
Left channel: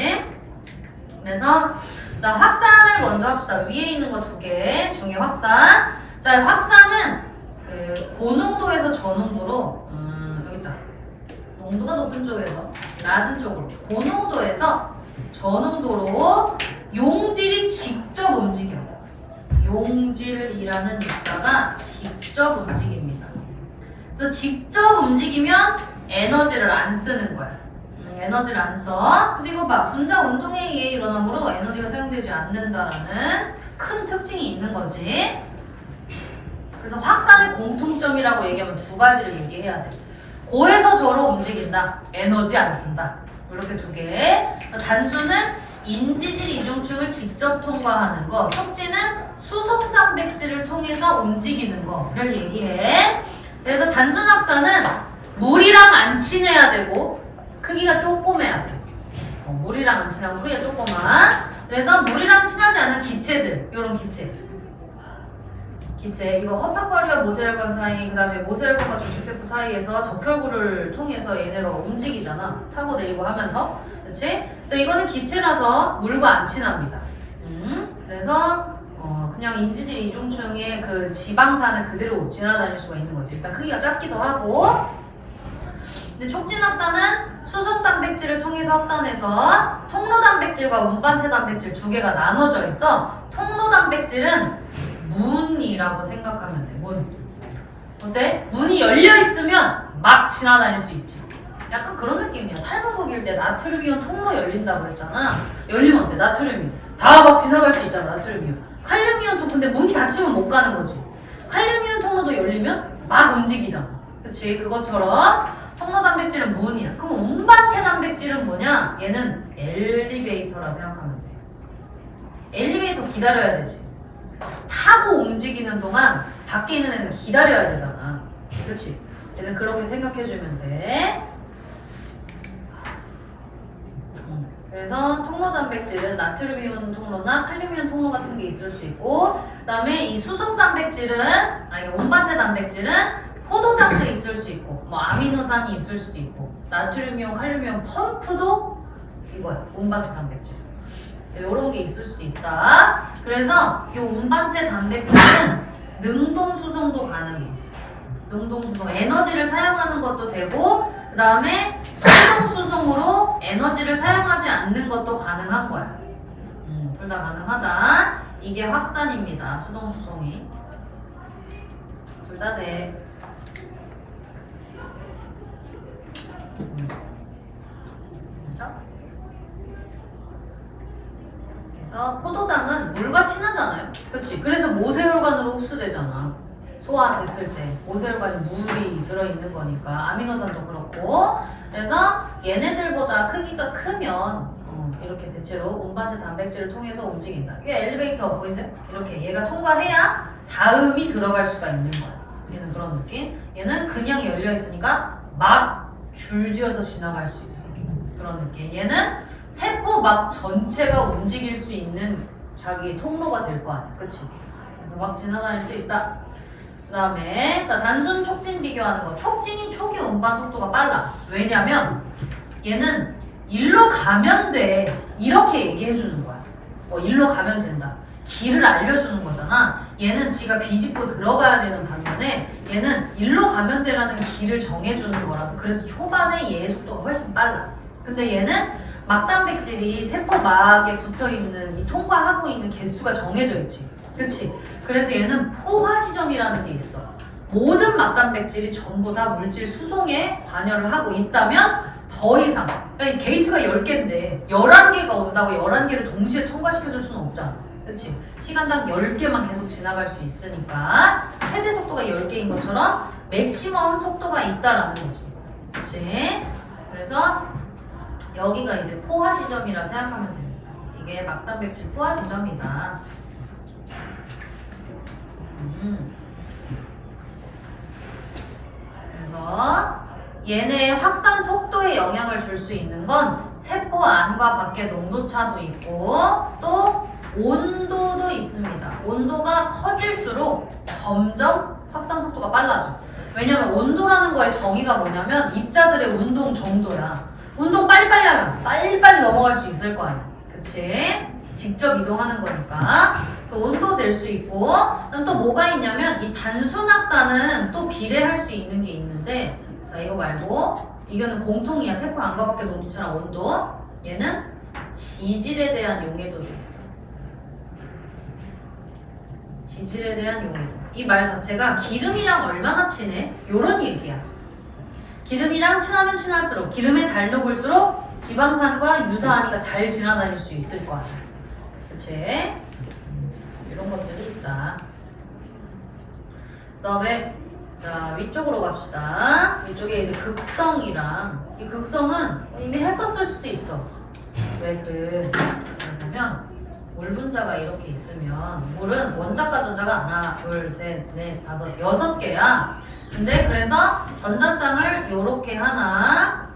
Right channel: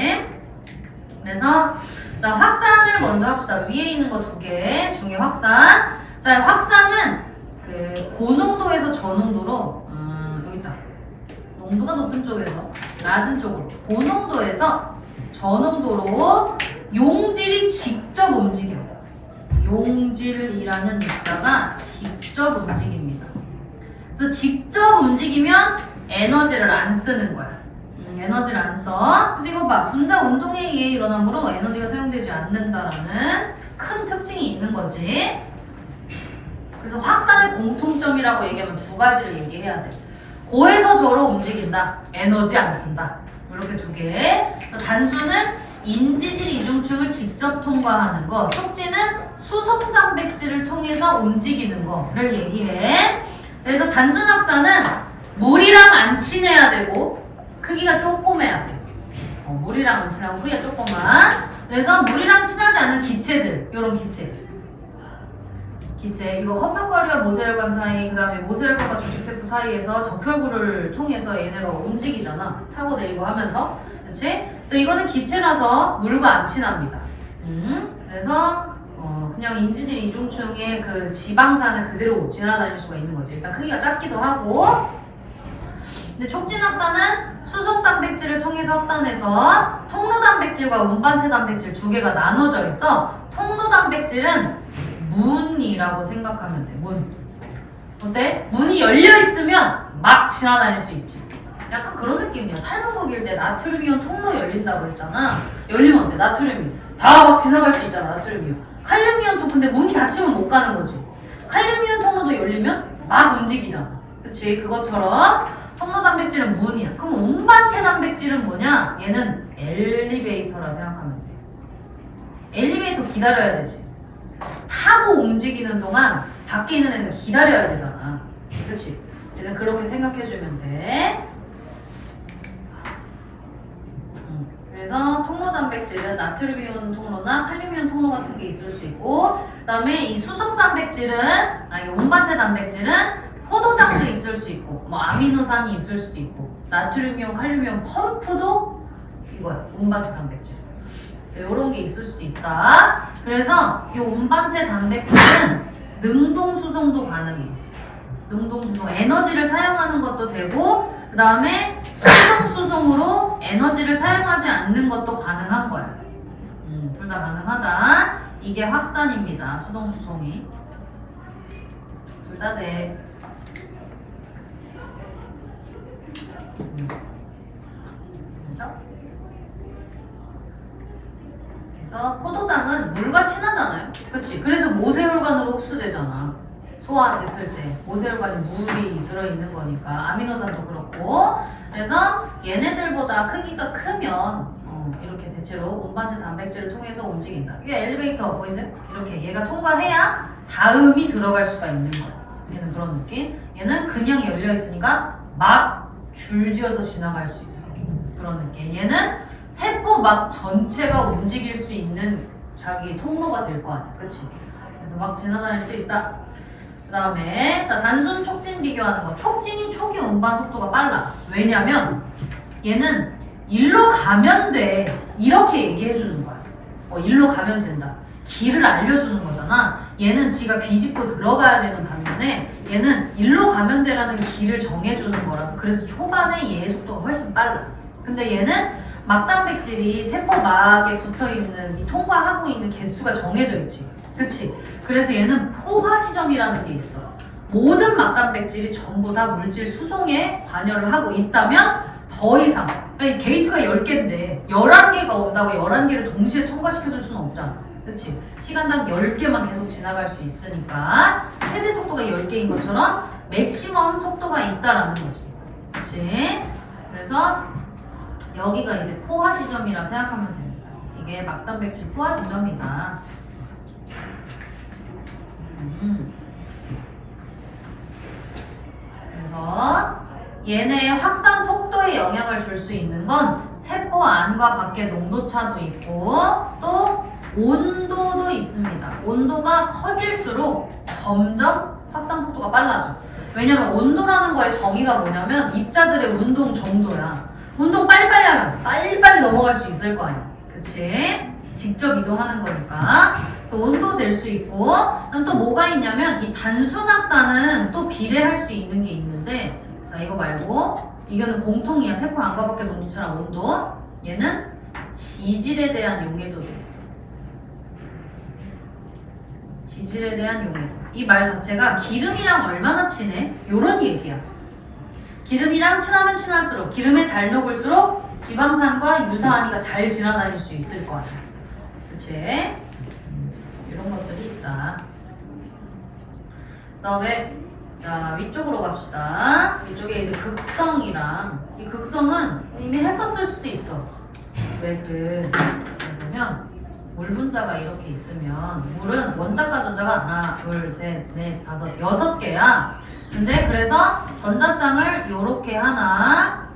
그래서 자, 확산을 먼저 합시다. 위에 있는 거 두 개 중에 확산. 자, 확산은 그 고농도에서 저농도로 여기 있다. 농도가 높은 쪽에서 낮은 쪽으로 고농도에서 저농도로 용질이 직접 움직여. 용질이라는 입자가 직접 움직입니다. 그래서 직접 움직이면 에너지를 안 쓰는 거야. 에너지를 안 써. 그래서 이거 봐. 분자 운동에 의해 일어나므로 에너지가 사용되지 않는다라는 큰 특징이 있는 거지. 그래서 확산의 공통점이라고 얘기하면 두 가지를 얘기해야 돼. 고에서 저로 움직인다. 에너지 안 쓴다. 이렇게 두 개. 단수는 인지질 이중층을 직접 통과하는 거. 촉진은 수송 단백질을 통해서 움직이는 거를 얘기해. 그래서 단순 확산은 물이랑 안 친해야 되고 크기가 조그매야 돼. 물이랑 안 친하고 크기가 조그만. 그래서 물이랑 친하지 않은 기체들, 이런 기체. 이거 험판과류와 모세혈관 사이, 그 다음에 모세혈관과 조직세포 사이에서 적혈구를 통해서 얘네가 움직이잖아. 타고 내리고 하면서. 그치? 그래서 이거는 기체라서 물과 안 친합니다. 그래서 그냥 인지질 이중층의 그 지방산을 그대로 지나다닐 수가 있는 거지. 일단 크기가 작기도 하고. 근데 촉진 확산은 수송 단백질을 통해서 확산해서 통로 단백질과 운반체 단백질 두 개가 나눠져 있어. 통로 단백질은 문이라고 생각하면 돼. 문. 어때? 문이 열려 있으면 막 지나다닐 수 있지. 약간 그런 느낌이야. 탈문국일 때 나트륨이온 통로 열린다고 했잖아. 열리면 어때? 나트륨이 다 막 지나갈 수 있잖아. 나트륨이온. 칼륨이온도 근데 문이 닫히면 못 가는 거지. 칼륨이온 통로도 열리면 막 움직이잖아. 그치? 그것처럼 통로 단백질은 문이야. 그럼 운반체 단백질은 뭐냐? 얘는 엘리베이터라 생각하면 돼. 엘리베이터 기다려야 되지. 타고 움직이는 동안 밖에 있는 애는 기다려야 되잖아. 그치? 얘는 그렇게 생각해주면 돼. 그래서 통로 단백질은 나트륨이온 통로나 칼륨이온 통로 같은 게 있을 수 있고, 그다음에 이 수속 단백질은 이게 운반체 단백질은 포도당도 있을 수 있고, 뭐 아미노산이 있을 수도 있고, 나트륨이온, 칼륨이온 펌프도 이거야. 운반체 단백질. 이런 게 있을 수도 있다. 그래서 이 운반체 단백질은 능동 수송도 가능해. 능동 수송, 에너지를 사용하는 것도 되고, 그 다음에 수동 수송으로 에너지를 사용하지 않는 것도 가능한 거야. 둘 다 가능하다. 이게 확산입니다. 수동 수송이. 둘 다 돼. 그죠? 그래서 포도당은 물과 친하잖아요. 그치? 그래서 모세혈관으로 흡수되잖아. 소화됐을 때 모세혈관에 물이 들어있는 거니까 아미노산도 그렇고. 그래서 얘네들보다 크기가 크면 이렇게 대체로 운반체 단백질을 통해서 움직인다. 이게 엘리베이터 보이세요? 이렇게 얘가 통과해야 다음이 들어갈 수가 있는 거야. 얘는 그런 느낌. 얘는 그냥 열려 있으니까 막 줄지어서 지나갈 수 있어. 그런 느낌. 얘는 세포 막 전체가 움직일 수 있는 자기 통로가 될 거 아니야. 그치? 그래서 막 지나다닐 수 있다. 그 다음에 자 단순 촉진 비교하는 거. 촉진이 초기 운반 속도가 빨라. 왜냐면 얘는 일로 가면 돼. 이렇게 얘기해 주는 거야. 일로 가면 된다. 길을 알려주는 거잖아. 얘는 지가 비집고 들어가야 되는 반면에 얘는 일로 가면 돼라는 길을 정해주는 거라서 그래서 초반에 얘의 속도가 훨씬 빨라. 근데 얘는 막단백질이 세포막에 붙어있는 이 통과하고 있는 개수가 정해져 있지. 그치? 그래서 얘는 포화 지점이라는 게 있어. 모든 막단백질이 전부 다 물질 수송에 관여를 하고 있다면 더 이상 게이트가 10개인데 11개가 온다고 11개를 동시에 통과시켜줄 수는 없잖아. 그치? 시간당 10개만 계속 지나갈 수 있으니까 최대 속도가 10개인 것처럼 맥시멈 속도가 있다라는 거지. 그치? 그래서 여기가 이제 포화 지점이라 생각하면 됩니다. 이게 막단백질 포화 지점이다. 그래서 얘네의 확산 속도에 영향을 줄 수 있는 건 세포 안과 밖의 농도차도 있고 또 온도도 있습니다. 온도가 커질수록 점점 확산 속도가 빨라져. 왜냐면 온도라는 거의 정의가 뭐냐면 입자들의 운동 정도야. 운동 빨리빨리 하면 빨리빨리 넘어갈 수 있을 거 아니야. 그치? 직접 이동하는 거니까. 그래서 온도 될 수 있고, 그다음 또 뭐가 있냐면 이 단순 확산은 또 비례할 수 있는 게 있는데, 자 이거 말고 이거는 공통이야. 세포 안과 밖의 농도차랑 온도. 얘는 지질에 대한 용해도도 있어. 지질에 대한 용해도. 이 말 자체가 기름이랑 얼마나 친해? 요런 얘기야. 기름이랑 친하면 친할수록 기름에 잘 녹을수록 지방산과 유사하니까 잘 지나다닐 수 있을 거 아니야. 그치? 이런 것들이 있다. 그 다음에 자 위쪽으로 갑시다. 위쪽에 이제 극성이랑 이 극성은 이미 했었을 수도 있어. 왜 보면 물 분자가 이렇게 있으면 물은 원자과 전자가 하나, 둘, 셋, 넷, 다섯, 6개야. 근데 그래서 전자쌍을 요렇게 하나,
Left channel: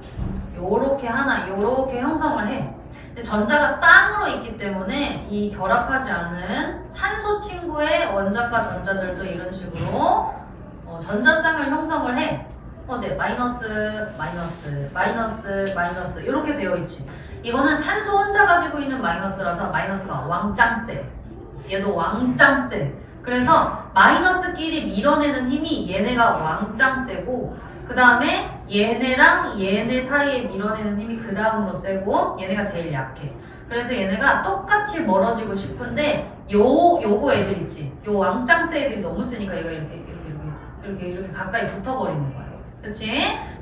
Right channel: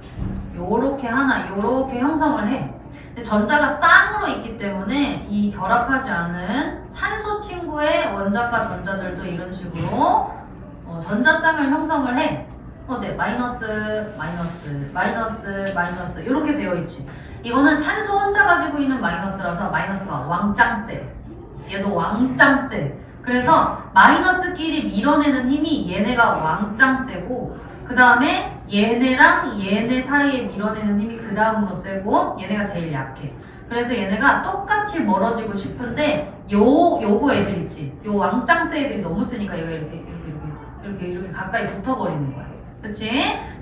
요렇게 하나, 요렇게 형성을 해. 근데 전자가 쌍으로 있기 때문에 이 결합하지 않은 산소 친구의 원자과 전자들도 이런 식으로 전자쌍을 형성을 해. 네, 마이너스, 마이너스, 마이너스, 마이너스 이렇게 되어 있지. 이거는 산소 혼자 가지고 있는 마이너스라서 마이너스가 왕짱 세. 얘도 왕짱 세. 그래서 마이너스끼리 밀어내는 힘이 얘네가 왕짱 세고 그 다음에 얘네랑 얘네 사이에 밀어내는 힘이 그 다음으로 세고 얘네가 제일 약해. 그래서 얘네가 똑같이 멀어지고 싶은데 요거 애들 있지. 요 왕짱 세 애들이 너무 세니까 얘가 이렇게 가까이 붙어버리는 거야. 그치?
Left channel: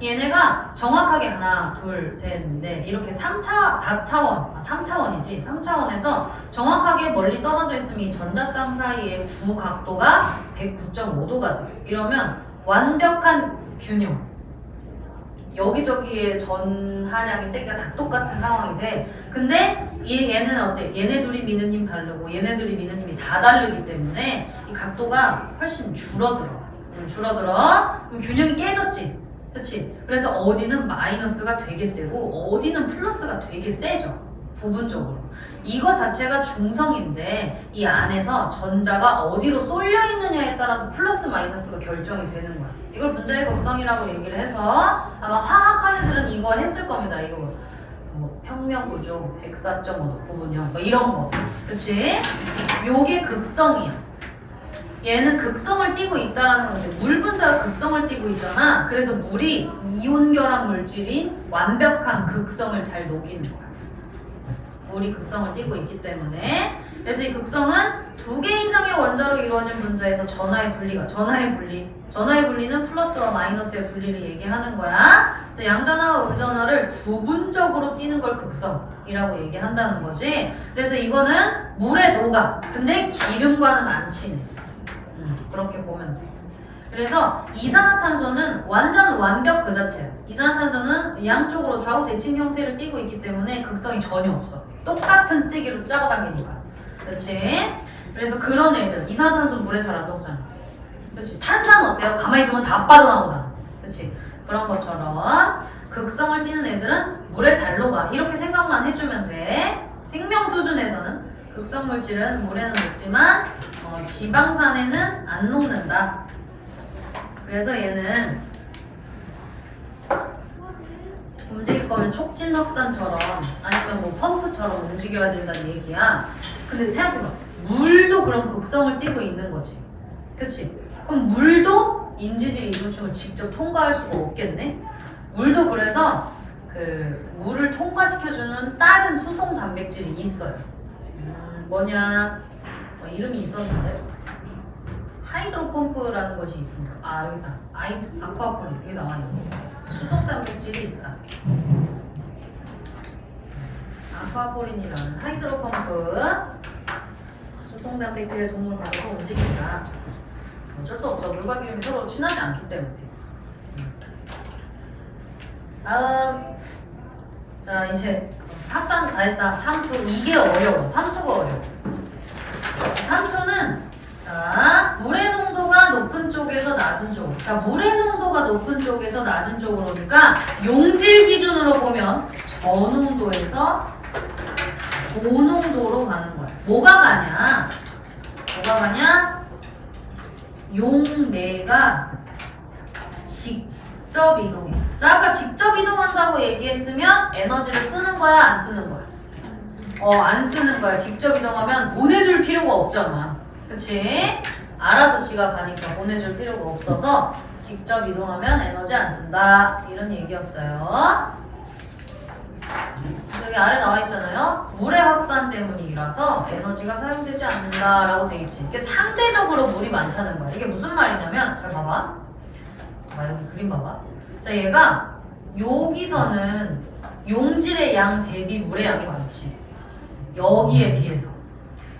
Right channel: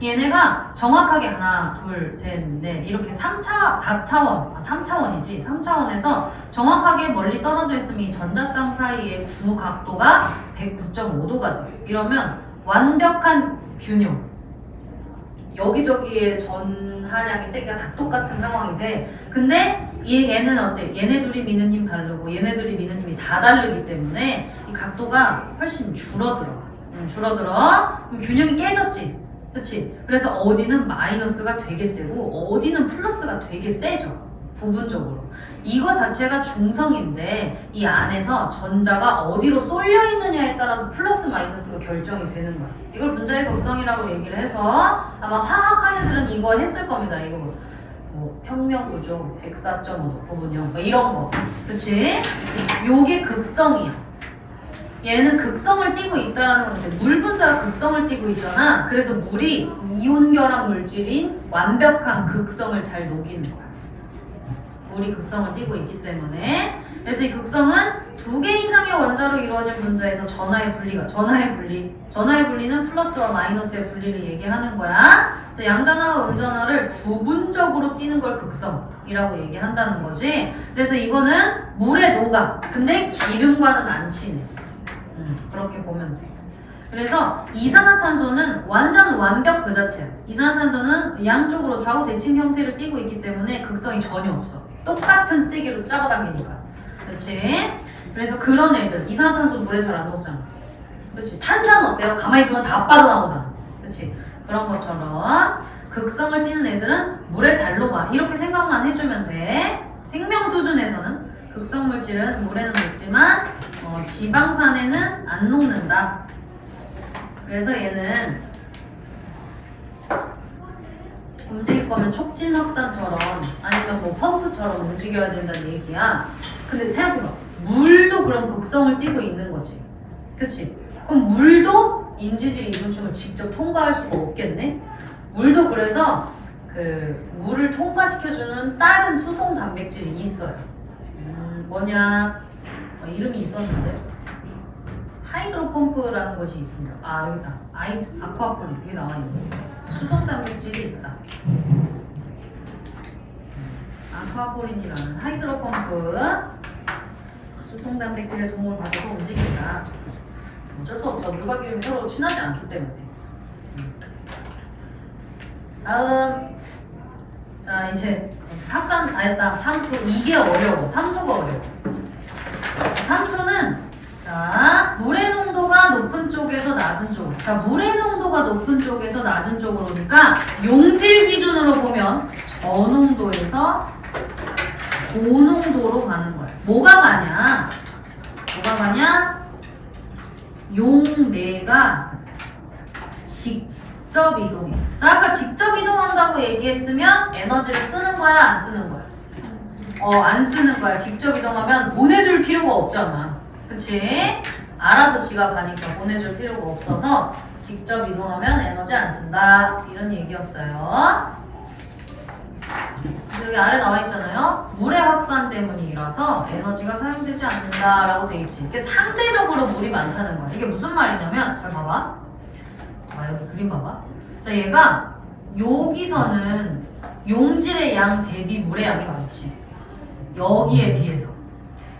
얘네가 정확하게 하나, 둘, 셋, 넷 이렇게 4차원, 3차원이지. 3차원에서 정확하게 멀리 떨어져 있으면 이 전자쌍 사이의 구각도가 109.5도가 돼. 이러면 완벽한 균형. 여기저기에 전하량의 세기가 다 똑같은 상황이 돼. 근데 얘는 어때? 얘네 둘이 미는 힘 다르고 얘네들이 미는 힘이 다 다르기 때문에 이 각도가 훨씬 줄어들어. 그럼 균형이 깨졌지. 그치? 그래서 어디는 마이너스가 되게 세고 어디는 플러스가 되게 세져. 부분적으로. 이거 자체가 중성인데 이 안에서 전자가 어디로 쏠려 있느냐에 따라서 플러스 마이너스가 결정이 되는 거야. 이걸 분자의 극성이라고 얘기를 해서 아마 화학한 애들은 이거 했을 겁니다. 이거 뭐 평면구조 104.5도 구분형 뭐 이런 거. 그치? 요게 극성이야. 얘는 극성을 띠고 있다라는 건 이제 물 분자가 극성을 띠고 있잖아. 그래서 물이 이온 결합 물질인 완벽한 극성을 잘 녹이는 거야. 물이 극성을 띠고 있기 때문에. 그래서 이 극성은 2개 이상의 원자로 이루어진 분자에서 전하의 분리는 플러스와 마이너스의 분리를 얘기하는 거야. 그래서 양전하와 음전하를 부분적으로 띠는 걸 극성이라고 얘기한다는 거지. 그래서 이거는 물에 녹아. 근데 기름과는 안 친해. 그렇게 보면 돼. 그래서 이산화탄소는 완전 완벽 그 자체야. 이산화탄소는 양쪽으로 좌우 대칭 형태를 띠고 있기 때문에 극성이 전혀 없어. 똑같은 세기로 잡아당기니까. 그렇지? 그래서 그런 애들, 이산화탄소는 물에 잘 안 녹잖아. 그렇지? 탄산은 어때요? 가만히 두면 다 빠져나오잖아. 그렇지? 그런 것처럼 극성을 띠는 애들은 물에 잘 녹아. 이렇게 생각만 해주면 돼. 생명 수준에서는 극성 물질은 물에는 녹지만 지방산에는 안 녹는다. 그래서 얘는 움직일 거면 촉진 확산처럼 아니면 뭐 펌프처럼 움직여야 된다는 얘기야. 근데 생각해봐. 물도 그런 극성을 띠고 있는 거지. 그치? 그럼 물도 인지질 이동충을 직접 통과할 수가 없겠네? 물도 그래서 그 물을 통과시켜주는 다른 수송 단백질이 있어요. 뭐냐? 이름이 있었는데 하이드로펌프라는 것이 있습니다. 아 여기다. 아쿠아폴린 여기 나와있네. 수송 단백질이 있다. 아쿠아폴린이라는 하이드로펌프 수송 단백질의 도움을 받아서 움직인다. 어쩔 수 없어. 물과 기름이 서로 친하지 않기 때문에. 다음. 자 이제 확산 다 했다. 3투 이게 어려워. 3투가 어려워. 3투는 자 물의 농도가 높은 쪽에서 낮은 쪽. 자 물의 농도가 높은 쪽에서 낮은 쪽으로 오니까 용질 기준으로 보면 저농도에서 고농도로 가는 거야. 뭐가 가냐? 용매가 직접 이동해. 자 아까 직접 이동한다고 얘기했으면 에너지를 쓰는 거야 안 쓰는 거야? 안 쓰는 거야. 직접 이동하면 보내줄 필요가 없잖아. 그치? 알아서 지가 가니까 보내줄 필요가 없어서 직접 이동하면 에너지 안 쓴다. 이런 얘기였어요. 여기 아래 나와 있잖아요. 물의 확산 때문이라서 에너지가 사용되지 않는다라고 돼 있지. 이게 상대적으로 물이 많다는 거야. 이게 무슨 말이냐면 잘 봐봐. 여기 그림 봐봐. 자 얘가 여기서는 용질의 양 대비 물의 양이 많지. 여기에 비해서.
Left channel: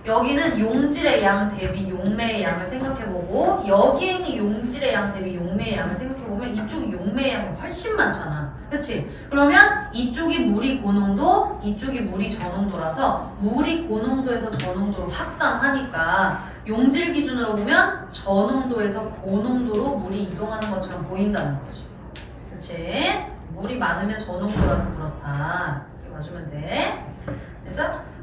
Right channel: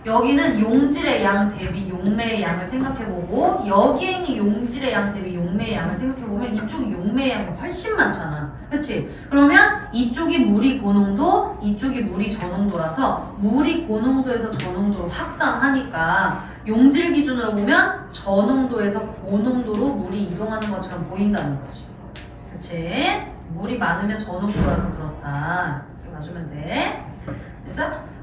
여기는 용질의 양 대비 용매의 양을 생각해보고 여기에 있는 용질의 양 대비 용매의 양을 생각해보면 이쪽이 용매의 양이 훨씬 많잖아. 그치? 그러면 이쪽이 물이 고농도, 이쪽이 물이 저농도라서 물이 고농도에서 저농도로 확산하니까 용질 기준으로 보면 저농도에서 고농도로 물이 이동하는 것처럼 보인다는 거지. 그치? 물이 많으면 저농도라서 그렇다. 이렇게 봐주면 돼.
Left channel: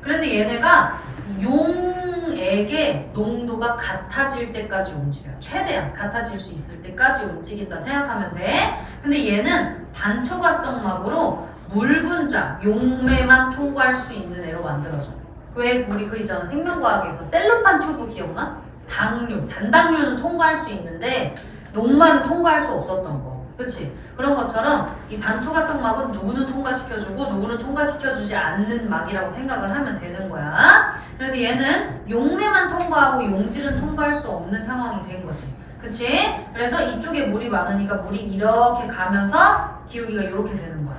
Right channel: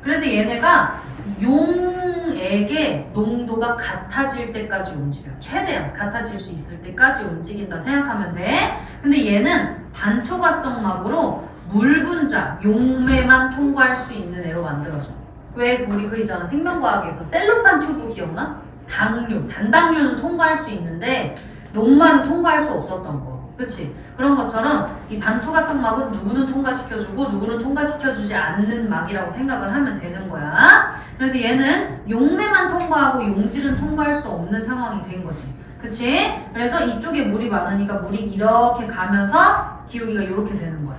그래서 얘네가 용액의 농도가 같아질 때까지 움직여. 최대한 같아질 수 있을 때까지 움직인다 생각하면 돼. 근데 얘는 반투과성막으로 물 분자, 용매만 통과할 수 있는 애로 만들어져. 왜 우리 그 있잖아. 생명과학에서 셀로판 튜브 기억나? 당류, 단당류는 통과할 수 있는데 녹말은 통과할 수 없었던 거. 그치? 그런 것처럼 이 반투과성 막은 누구는 통과시켜주고 누구는 통과시켜주지 않는 막이라고 생각을 하면 되는 거야. 그래서 얘는 용매만 통과하고 용질은 통과할 수 없는 상황이 된 거지. 그치? 그래서 이쪽에 물이 많으니까 물이 이렇게 가면서 기울기가 이렇게 되는 거야.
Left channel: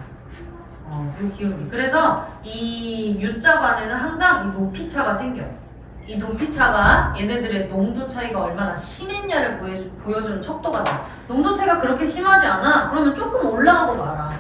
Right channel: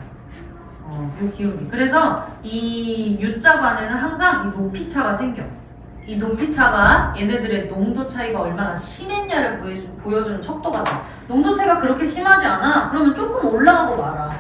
이 기울기. 그래서 이 U자관에는 항상 이 높이차가 생겨. 이 높이차가 얘네들의 농도 차이가 얼마나 심했냐를 보여주는 척도가 돼. 농도 차이가 그렇게 심하지 않아. 그러면 조금 올라가고 말아.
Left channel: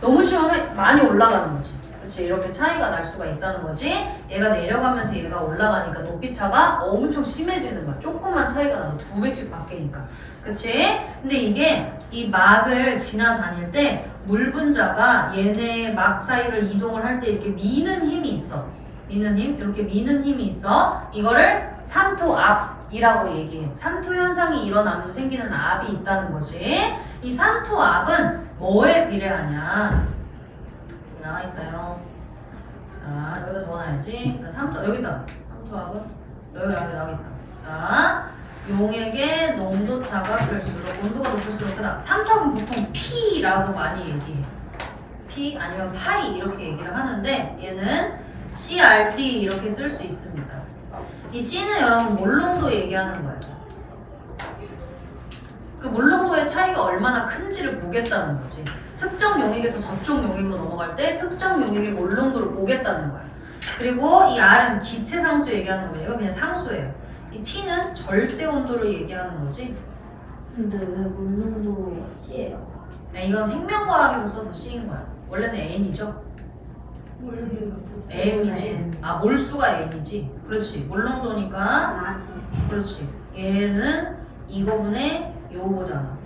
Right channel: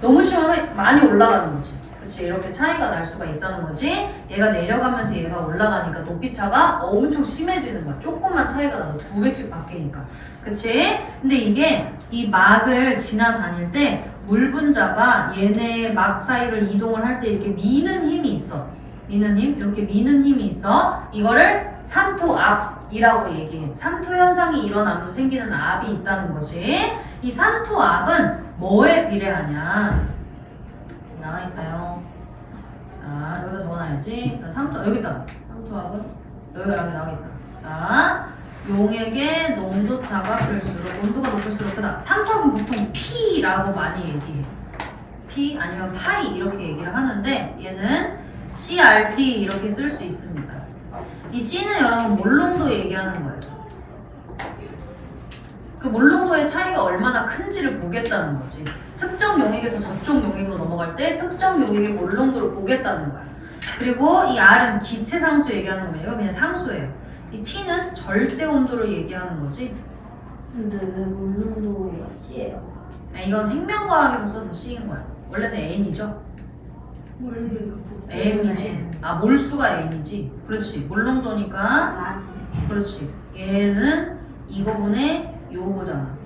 너무 심하면 많이 올라가는 거지. 그치? 이렇게 차이가 날 수가 있다는 거지. 얘가 내려가면서 얘가 올라가니까 높이 차가 엄청 심해지는 거야. 조금만 차이가 나도 2배씩 바뀌니까. 그치? 근데 이게 이 막을 지나다닐 때 물 분자가 얘네 막 사이를 이동을 할 때 이렇게 미는 힘이 있어. 미는 힘? 이렇게 미는 힘이 있어. 이거를 삼투압이라고 얘기해. 삼투 현상이 일어나면서 생기는 압이 있다는 거지. 이 삼투압은 뭐에 비례하냐? 나와 있어요. 자, 여기다 적어놔야지. 자, 여기 있다. 삼투압은 여기 앞에 나와 있다. 자, 용액의 농도차가 클수록, 농도가 높을수록 크다. 삼투압은 보통 P라고 많이 얘기해. P 아니면 파이 이렇게 얘기를 하는데 얘는 CRT 이렇게 쓸 수 있습니다. 이 C는 여러분 몰농도 얘기하는 거예요. 그 몰농도의 차이가 얼마나 큰지를 보겠다는 거지. 특정 용액에서 저쪽 용액으로 넘어갈 때 특정 용액의 몰농도를 보겠다는 거야. 그리고 이 R은 기체 상수 얘기하는 거예요. 이거 그냥 상수예요. 이 T는 절대 온도를 얘기하는 거지. 근데 왜 몰농도가 C예요? 이건 생명과학에서 써서 C인 거야. 원래는 N이죠. M이지. 아, 몰수가 N이지. 그렇지. 몰농도니까. 라지. 그렇지. 얘는 이거분의 요거잖아.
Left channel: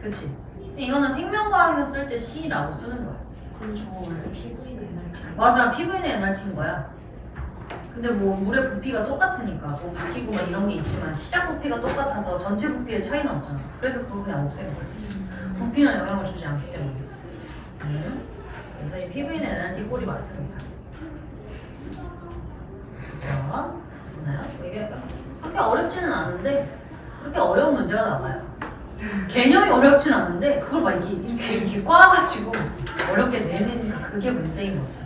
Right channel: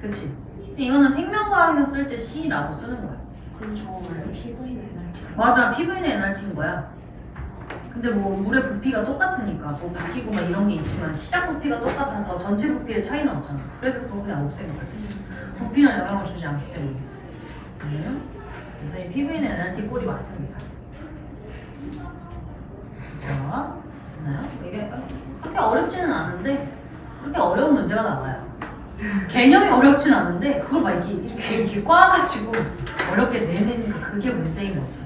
그렇지. 이거는 생명과학에서 쓸 때 C라고 쓰는 거야. 그럼 저 원래 PV는 NRT. 맞아. PV는 NRT인 거야. 근데 뭐 물의 부피가 똑같으니까 뭐 바뀌고 막 이런 게 있지만 시작 부피가 똑같아서 전체 부피의 차이는 없잖아. 그래서 그거 그냥 없애는 거야. 부피는 영향을 주지 않기 때문에. 그래서 이 PV는 NRT 꼴이 맞습니다. 자, 됐나요? 이게 그렇게 어렵지는 않은데 그렇게 어려운 문제가 나와요. 개념이 어렵진 않은데 그걸 막 이렇게 꽈가지고 어렵게 내니까 그게 문제인 거지.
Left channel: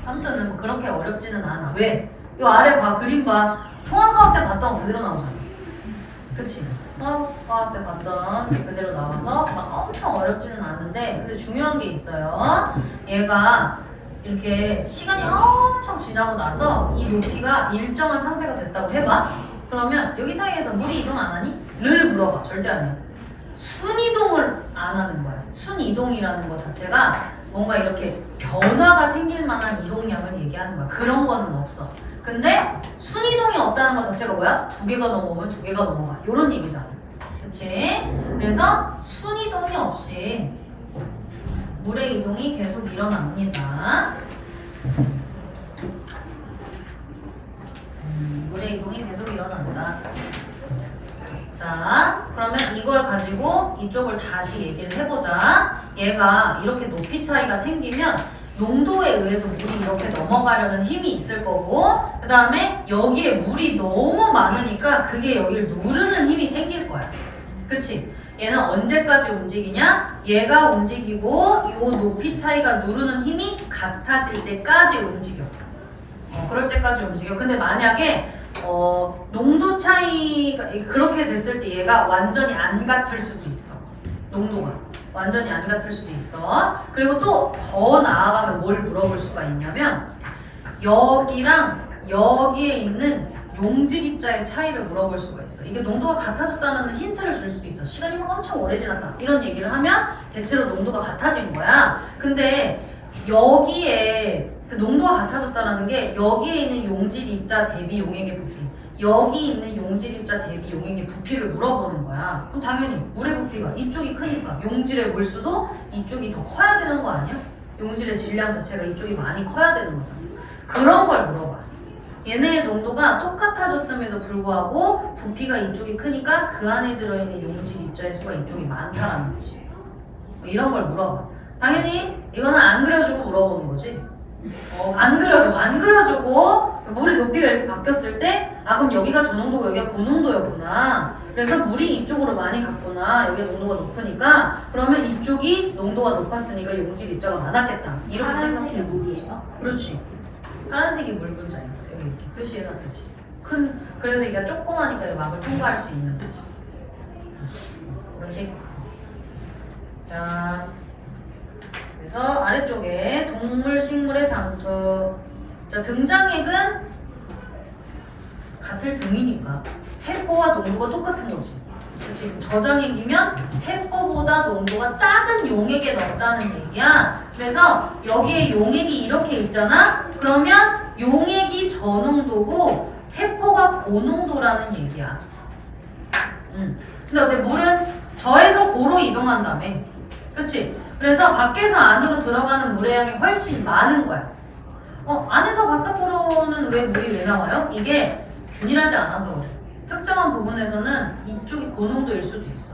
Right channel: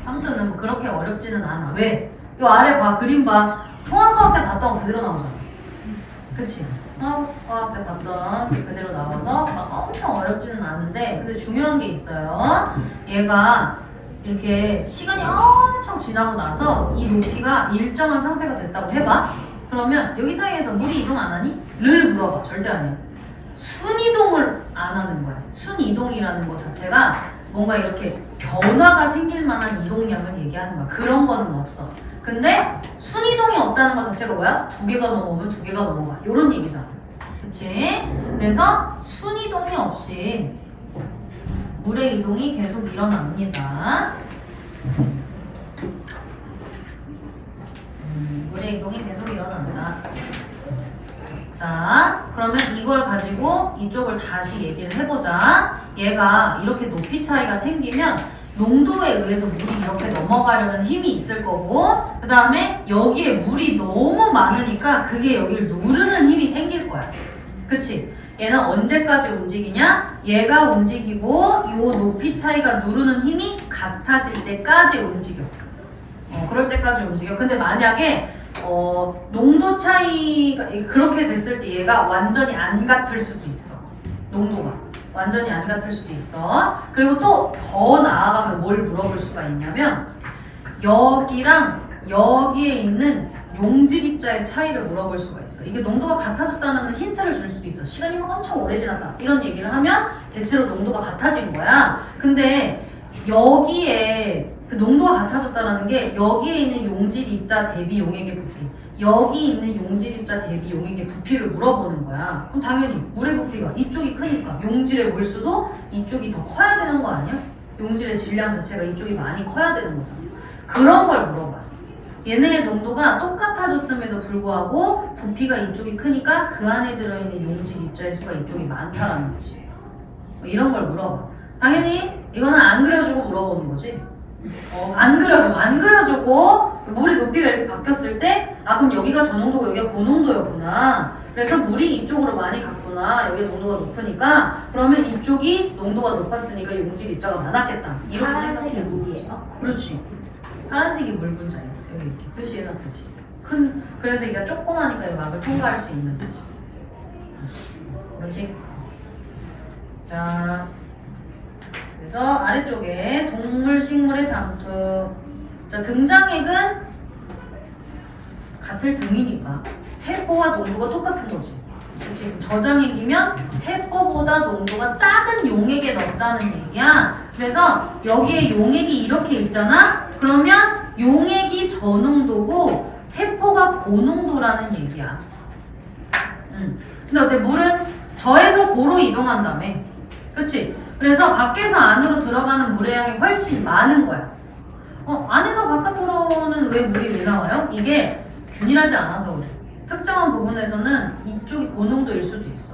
삼두는 뭐 그렇게 어렵지는 않아. 왜? 이 아래 봐, 그림 봐. 통합과학 때 봤던 거 그대로 나오잖아. 그치? 통합과학 때 봤던 게 그대로 나와서 막 엄청 어렵지는 않은데 근데 중요한 게 있어요. 얘가 이렇게 시간이 엄청 지나고 나서 이 높이가 일정한 상태가 됐다고 해봐. 그러면 여기 사이에서 물이 이동 안 하니? 를 물어봐. 절대 아니야. 순이동을 안 하는 거야. 순이동이라는 거 자체가 뭔가 이렇게 변화가 생길 만한 이동량을 얘기하는 거야. 그런 거는 없어. 근데 순이동이 없다는 것 자체가 뭐야? 2개가 넘어오면 2개가 넘어가. 이런 얘기잖아. 그치? 그래서 순이동이 없이 물의 이동이 계속 일어납니다. 물의 이동이 계속 일어난다. 자, 그러면 이걸 가지고 이쪽을 다시 얘기를 해보자. 얘가 이렇게 높이 차이가 생기면 농도에 의해서 물이 이렇게 넘어가려는 힘이 있을 거고 그 다음에 여기에 물이 너무 많으니까 그게 여기를 누르는 힘이 생길 거야. 그치? 얘는 언제까지 움직이냐? 얘가 움직이고 이 높이 차이가 누르는 힘이 같아질 때까지 움직여. 그럴 때까지 움직여. 근데 만약에 농도 차이가 그렇게 됐을 때 얘가 완전히 안 같을 수도 있어. 농도가 완전히 안 같을 수도 있어. 그리고 또 더 나아가면 뭘 물어볼 수가 있냐면 여기랑 여기에 있는 용질 입자의 차이를 물어볼 수가 있어. 이게 농도가 같아졌다는 힌트를 줄 수도 있어. 시간이 막 엄청 오래 지났다 이런 얘기를 하면 대체로 농도가 같아진 거야. 근데 여기에 그 농도가 같아졌다는 게 여기에 있는 용질 입자 대비 용액의 부피, 여기 있는 용질 입자 대비 용액의 부피를 물어보는 거야. 그럼 당연히 물의 부피가 이쪽이 크니까 용질의 몰수도 이쪽이 더 커야 되는 거 아니야? 용질의 질량 자체가 이쪽이 많이 커야 되는 거잖아. 그런 걸 물어봐. 얘네의 농도가 똑같아졌음에도 불구하고 부피가 이쪽이 크니까 그 안에 들어있는 용질 입자의 수가 이쪽이 많다라는 거지. 뭐 이런 걸 물어봐. 당연히 이거는 안 그려주고 물어보는 거지. 안 그려주고 물의 높이가 이렇게 바뀌었을 때 그럼 여기가 저 농도고 여기가 그 농도였구나. 그래서 물이 이쪽으로 많이 갔구나. 여기 농도가 높으니까 그러면 이쪽이 농도가 높았으니까 용질 입자가 많았겠다. 이렇게 생각해. 물이에요? 그렇지. 파란색이 물 분자야. 여기 이렇게 표시해놨듯이. 그래서 이게 조그마니까 이 막을 통과할 수 있는 거지. 그렇지. 자. 그래서 아래쪽에 동물, 식물의 상투. 자, 등장액은 같을 등이니까 세포와 농도가 똑같은 거지. 지금 저장액이면 세포보다 농도가 작은 용액에 넣었다는 얘기야. 그래서 여기에 용액이 이렇게 있잖아? 그러면 용액이 저농도고 세포가 고농도라는 얘기야. 근데 어때? 물은 저에서 고로 이동한다며. 그치? 그래서 밖에서 안으로 들어가는 물의 양이 훨씬 많은 거야. 안에서 바깥으로는 왜 물이 왜 나와요? 이게 균일하지 않아서 그래. 특정한 부분에서는 이쪽이 고농도일 수도 있어.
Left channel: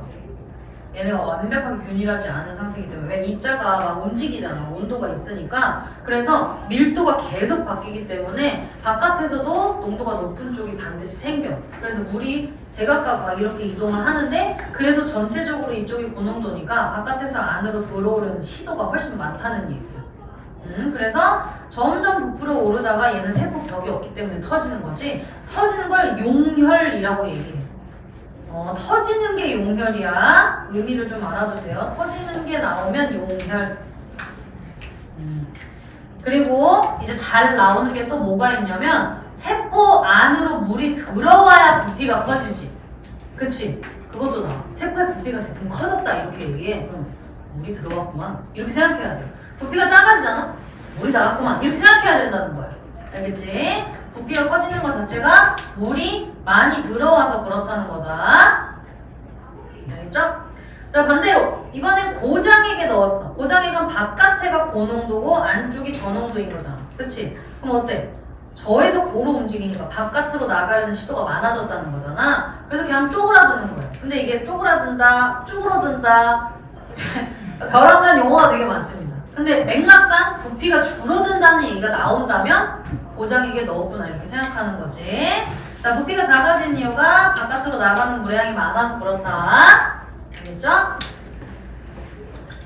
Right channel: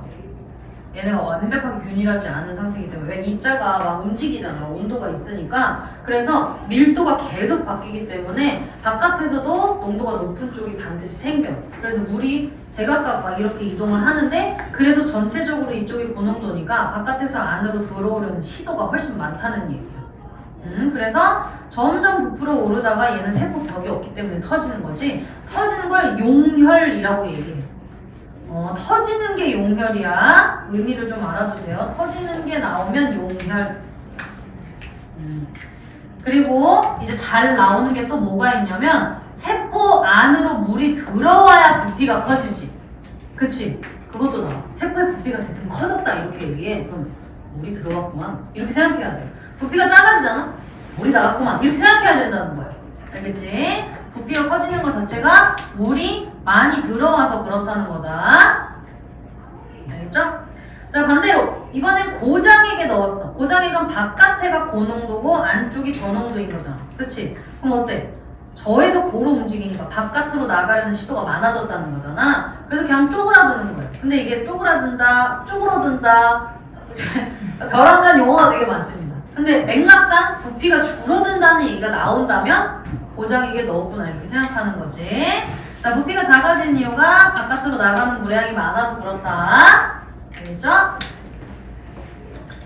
얘네가 완벽하게 균일하지 않은 상태이기 때문에. 왜 입자가 막 움직이잖아. 온도가 있으니까. 그래서 밀도가 계속 바뀌기 때문에 바깥에서도 농도가 높은 쪽이 반드시 생겨. 그래서 물이 제각각 막 이렇게 이동을 하는데 그래도 전체적으로 이쪽이 고농도니까 바깥에서 안으로 들어오려는 시도가 훨씬 많다는 얘기야. 그래서 점점 부풀어 오르다가 얘는 세포 벽이 없기 때문에 터지는 거지. 터지는 걸 용혈이라고 얘기해. 터지는 게 용혈이야. 의미를 좀 알아두세요. 터지는 게 나오면 용혈. 그리고 이제 잘 나오는 게 또 뭐가 있냐면 세포 안으로 물이 들어와야 부피가 커지지. 그치? 그것도 나와. 세포의 부피가 대충 커졌다 이렇게 얘기해. 그럼 물이 들어왔구만. 이렇게 생각해야 돼. 부피가 작아지잖아? 물이 나갔구만. 이렇게 생각해야 된다는 거야. 알겠지? 부피가 커지는 것 자체가 물이 많이 들어와서 그렇다는 거다. 알겠죠? 자, 반대로 이번엔 고장액에 넣었어. 고장액은 바깥에가 고농도고 안쪽이 저농도인 거잖아. 그치? 그럼 어때? 저에서 고로 움직이니까 바깥으로 나가려는 시도가 많아졌다는 거잖아. 그래서 그냥 쪼그라드는 거야. 근데 이게 쪼그라든다, 쭈그러든다 벼랑간 용어가 되게 많습니다. 근데 맥락상 부피가 줄어든다는 얘기가 나온다면 고장액에 넣었구나 이렇게 생각하는 거지. 자, 부피가 작아진 이유가 바깥으로 나가는 물량이 많아서 그렇다. 알겠죠?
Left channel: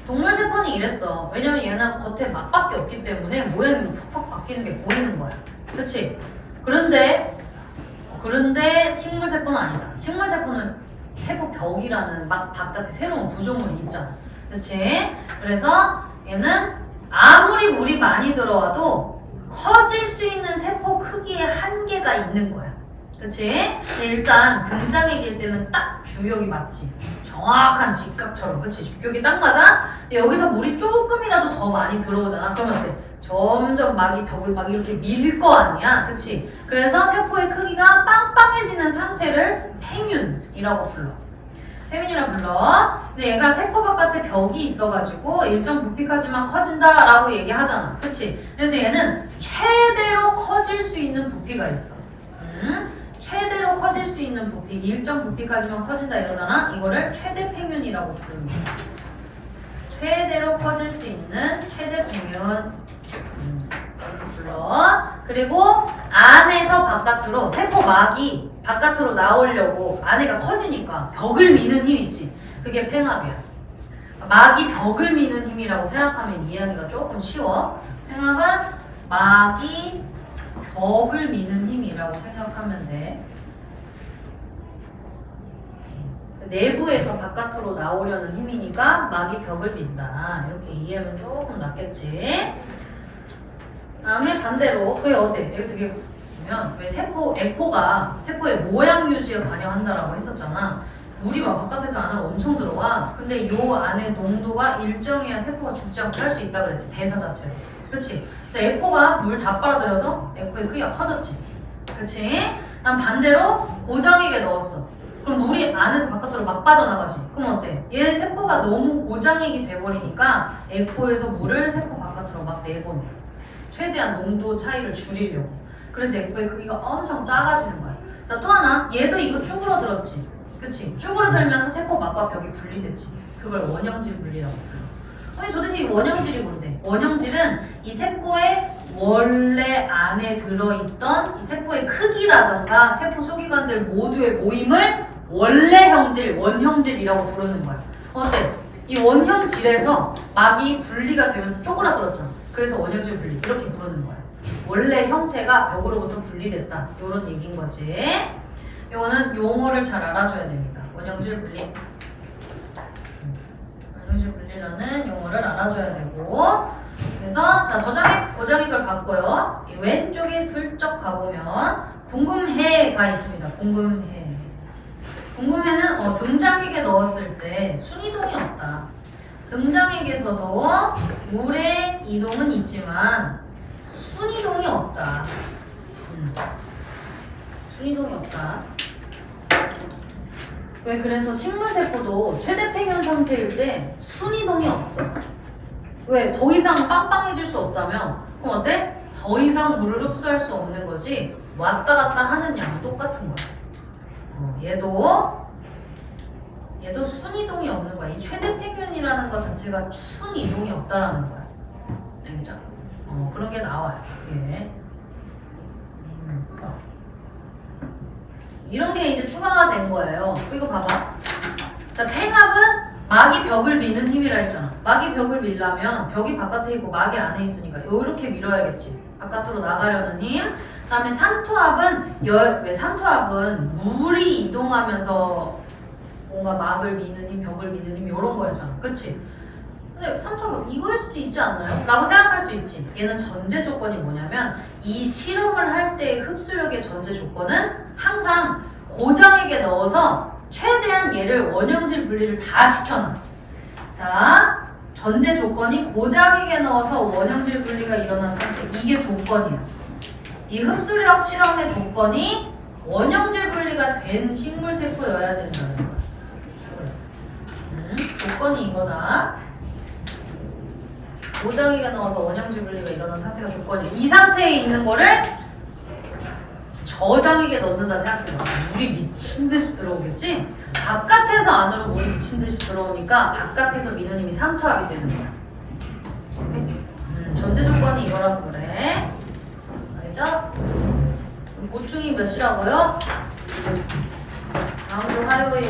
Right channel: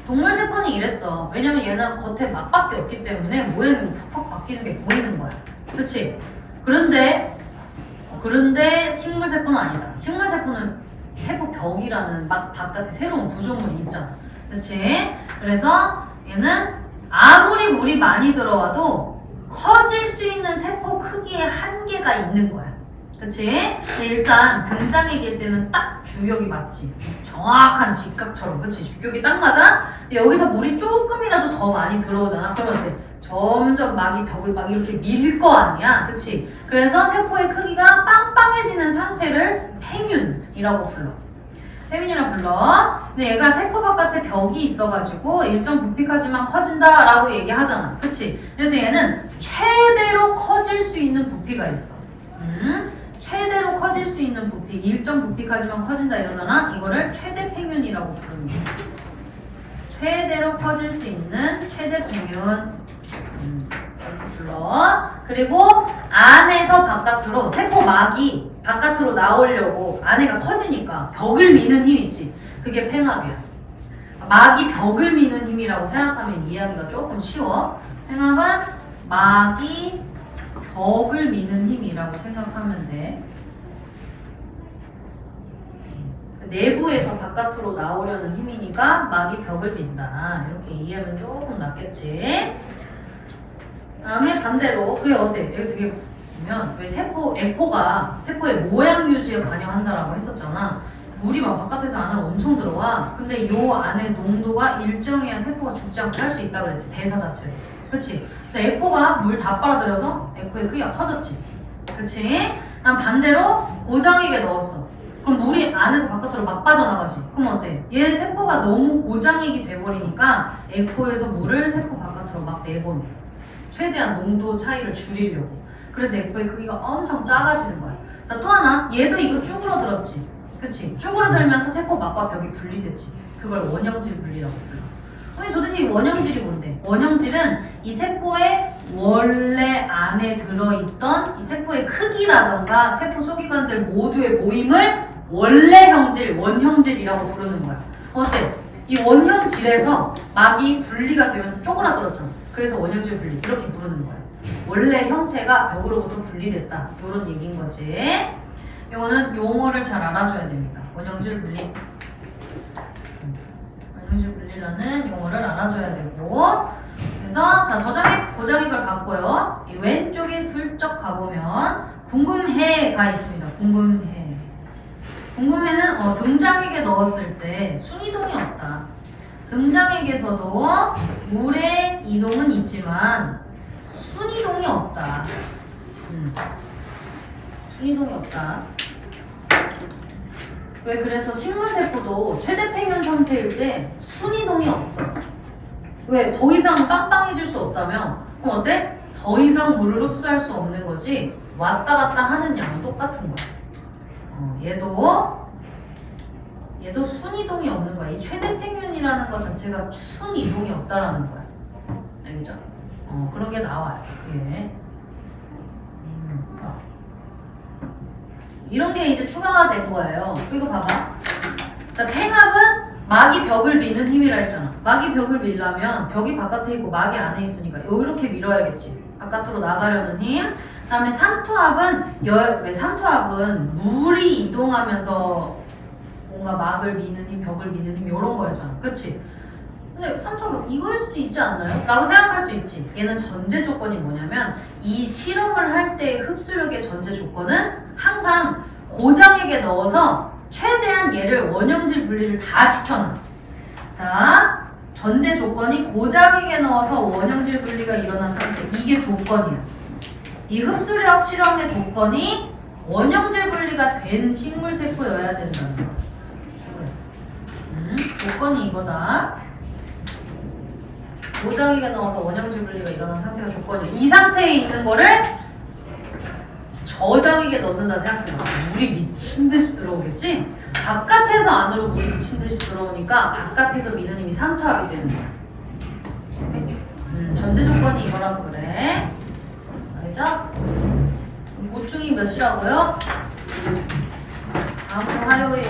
동물 세포는 이랬어. 왜냐면 얘는 겉에 막밖에 없기 때문에 모양이 팍팍 바뀌는 게 보이는 거야. 그치? 그런데 식물 세포는 아니다. 식물 세포는 세포 벽이라는 막 바깥에 새로운 구조물이 있잖아. 그치? 그래서 얘는 아무리 물이 많이 들어와도 커질 수 있는 세포 크기에 한계가 있는 거야. 그치? 일단 등장액일 때는 딱 규격이 맞지. 정확한 직각처럼. 그치? 규격이 딱 맞아? 근데 여기서 물이 조금이라도 더 많이 들어오잖아. 그러면 어때? 점점 막이 벽을 막 이렇게 밀 거 아니야. 그치? 그래서 세포의 크기가 빵빵해지는 상태를 팽윤이라고 불러. 팽윤이라고 불러. 근데 얘가 세포 바깥에 벽이 있어가지고 일정 부피까지만 커진다라고 얘기하잖아. 그치? 그래서 얘는 최대로 커질 수 있는 부피가 있어. 최대로 커질 수 있는 부피, 일정 부피까지만 커진다 이러잖아. 이거를 최대 팽윤이라고 부릅니다. 최대로 커질 수 있는 최대 팽윤 불러. 그리고 안에서 바깥으로 세포막이 바깥으로 나오려고 안에가 커지니까 벽을 미는 힘 있지. 그게 팽합이야. 막이 벽을 미는 힘이라고 생각하면 이해하기가 조금 쉬워. 팽합은 막이 벽을 미는 힘이라고 생각하면 돼. 내부에서 바깥으로 나오려는 힘이니까 막이 벽을 민다. 이렇게 이해하면 조금 낫겠지. 다음에 반대로 그게 어때? 여기 되게 보면 왜 에코가 세포의 모양 유지에 관여한다라고 했었잖아. 물이 막 바깥에서 안으로 엄청 들어와. 근데 요 안에 농도가 일정해야 세포가 죽지 않고 살 수 있다 그랬지. 대사 자체로. 그치? 그래서 에코가 물 다 빨아들여서 에코의 크기가 커졌지. 그치? 난 반대로 고장액에 넣었어. 그럼 물이 안에서 바깥으로 막 빠져나가지. 그럼 어때? 얘 세포가 너무 고장액이 돼버리니까 에코에서 물을 세포 바깥으로 막 내보내. 최대한 농도 차이를 줄이려고. 그래서 에코의 크기가 엄청 작아지는 거야. 자, 또 하나. 얘도 이거 쭈그러들었지. 그치? 쭈그러들면서 세포 막과 벽이 분리됐지. 그걸 원형질 분리라고 불러. 아니 도대체 이 원형질이 뭔데? 원형질은 이 세포의 원래 안에 들어있던 이 세포의 크기라던가 세포 소기관들 모두의 모임을 원래형질, 원형질이라고 부르는 거야. 어때? 이 원형질에서 막이 분리가 되면서 쪼그라들었잖아. 그래서 원형질 분리 이렇게 부르는 거야. 원래 형태가 벽으로부터 분리됐다. 이런 얘기인 거지. 이거는 용어를 잘 알아줘야 됩니다. 원형질 분리. 원형질 분리라는 용어를 알아줘야 되고. 그래서 자 저장액, 고장액을 봤고요. 이 왼쪽에 슬쩍 가보면 궁금해가 있습니다. 궁금해는 등장액에 넣었을 때 순이동이 없다. 등장액에서도 물의 이동은 있지만 순이동이 없다. 순이동이 없다. 왜 그래서 식물세포도 최대 팽현 상태일 때 순이동이 없어. 왜? 더 이상 빵빵해질 수 없다며? 그럼 어때? 더 이상 물을 흡수할 수 없는 거지 왔다 갔다 하는 양은 똑같은 거야. 얘도 순이동이 없는 거야. 이 최대 팽현이라는 거 자체가 순이동이 없다라는 거야. 알겠죠? 그런 게 나와요. 예. 이런 게 이제 추가가 된 거예요. 이거 봐봐. 자, 팽합은 막이 벽을 미는 힘이라 했잖아. 막이 벽을 밀려면 벽이 바깥에 있고 막이 안에 있으니까 이렇게 밀어야겠지. 바깥으로 나가려는 힘. 그다음에 삼투압은 왜 삼투압은 물이 이동하면서 뭔가 막을 미는 힘, 벽을 미는 힘 이런 거였잖아. 그치? 근데 삼투압은 이거일 수도 있지 않나요? 라고 생각할 수 있지. 얘는 전제 조건이 뭐냐면 이 실험을 할 때 흡수력의 전제 조건은 항상 고장액에 넣어서 최대한 얘를 원형질 분리를 다 시켜놔. 자, 전제 조건이 고장액에 넣어서 원형질 분리가 일어난 상태. 이게 조건이야. 이 흡수력 실험의 조건이 원형질 분리가 된 식물세포여야 된다는 거야. 조건이 이거다. 고장액에 넣어서 원형질 분리가 일어난 상태가 조건이야. 이 상태에 있는 거를 저장액에 넣는다 생각해봐. 물이 미친 듯이 들어오겠지? 바깥에서 안으로 물이 미친 듯이 들어오니까 바깥에서 미는 힘이 삼투압이 되는 거야. 전제 조건이 이거라서 그래. 알겠죠? 보충이 몇 시라고요? 다음 주 화요일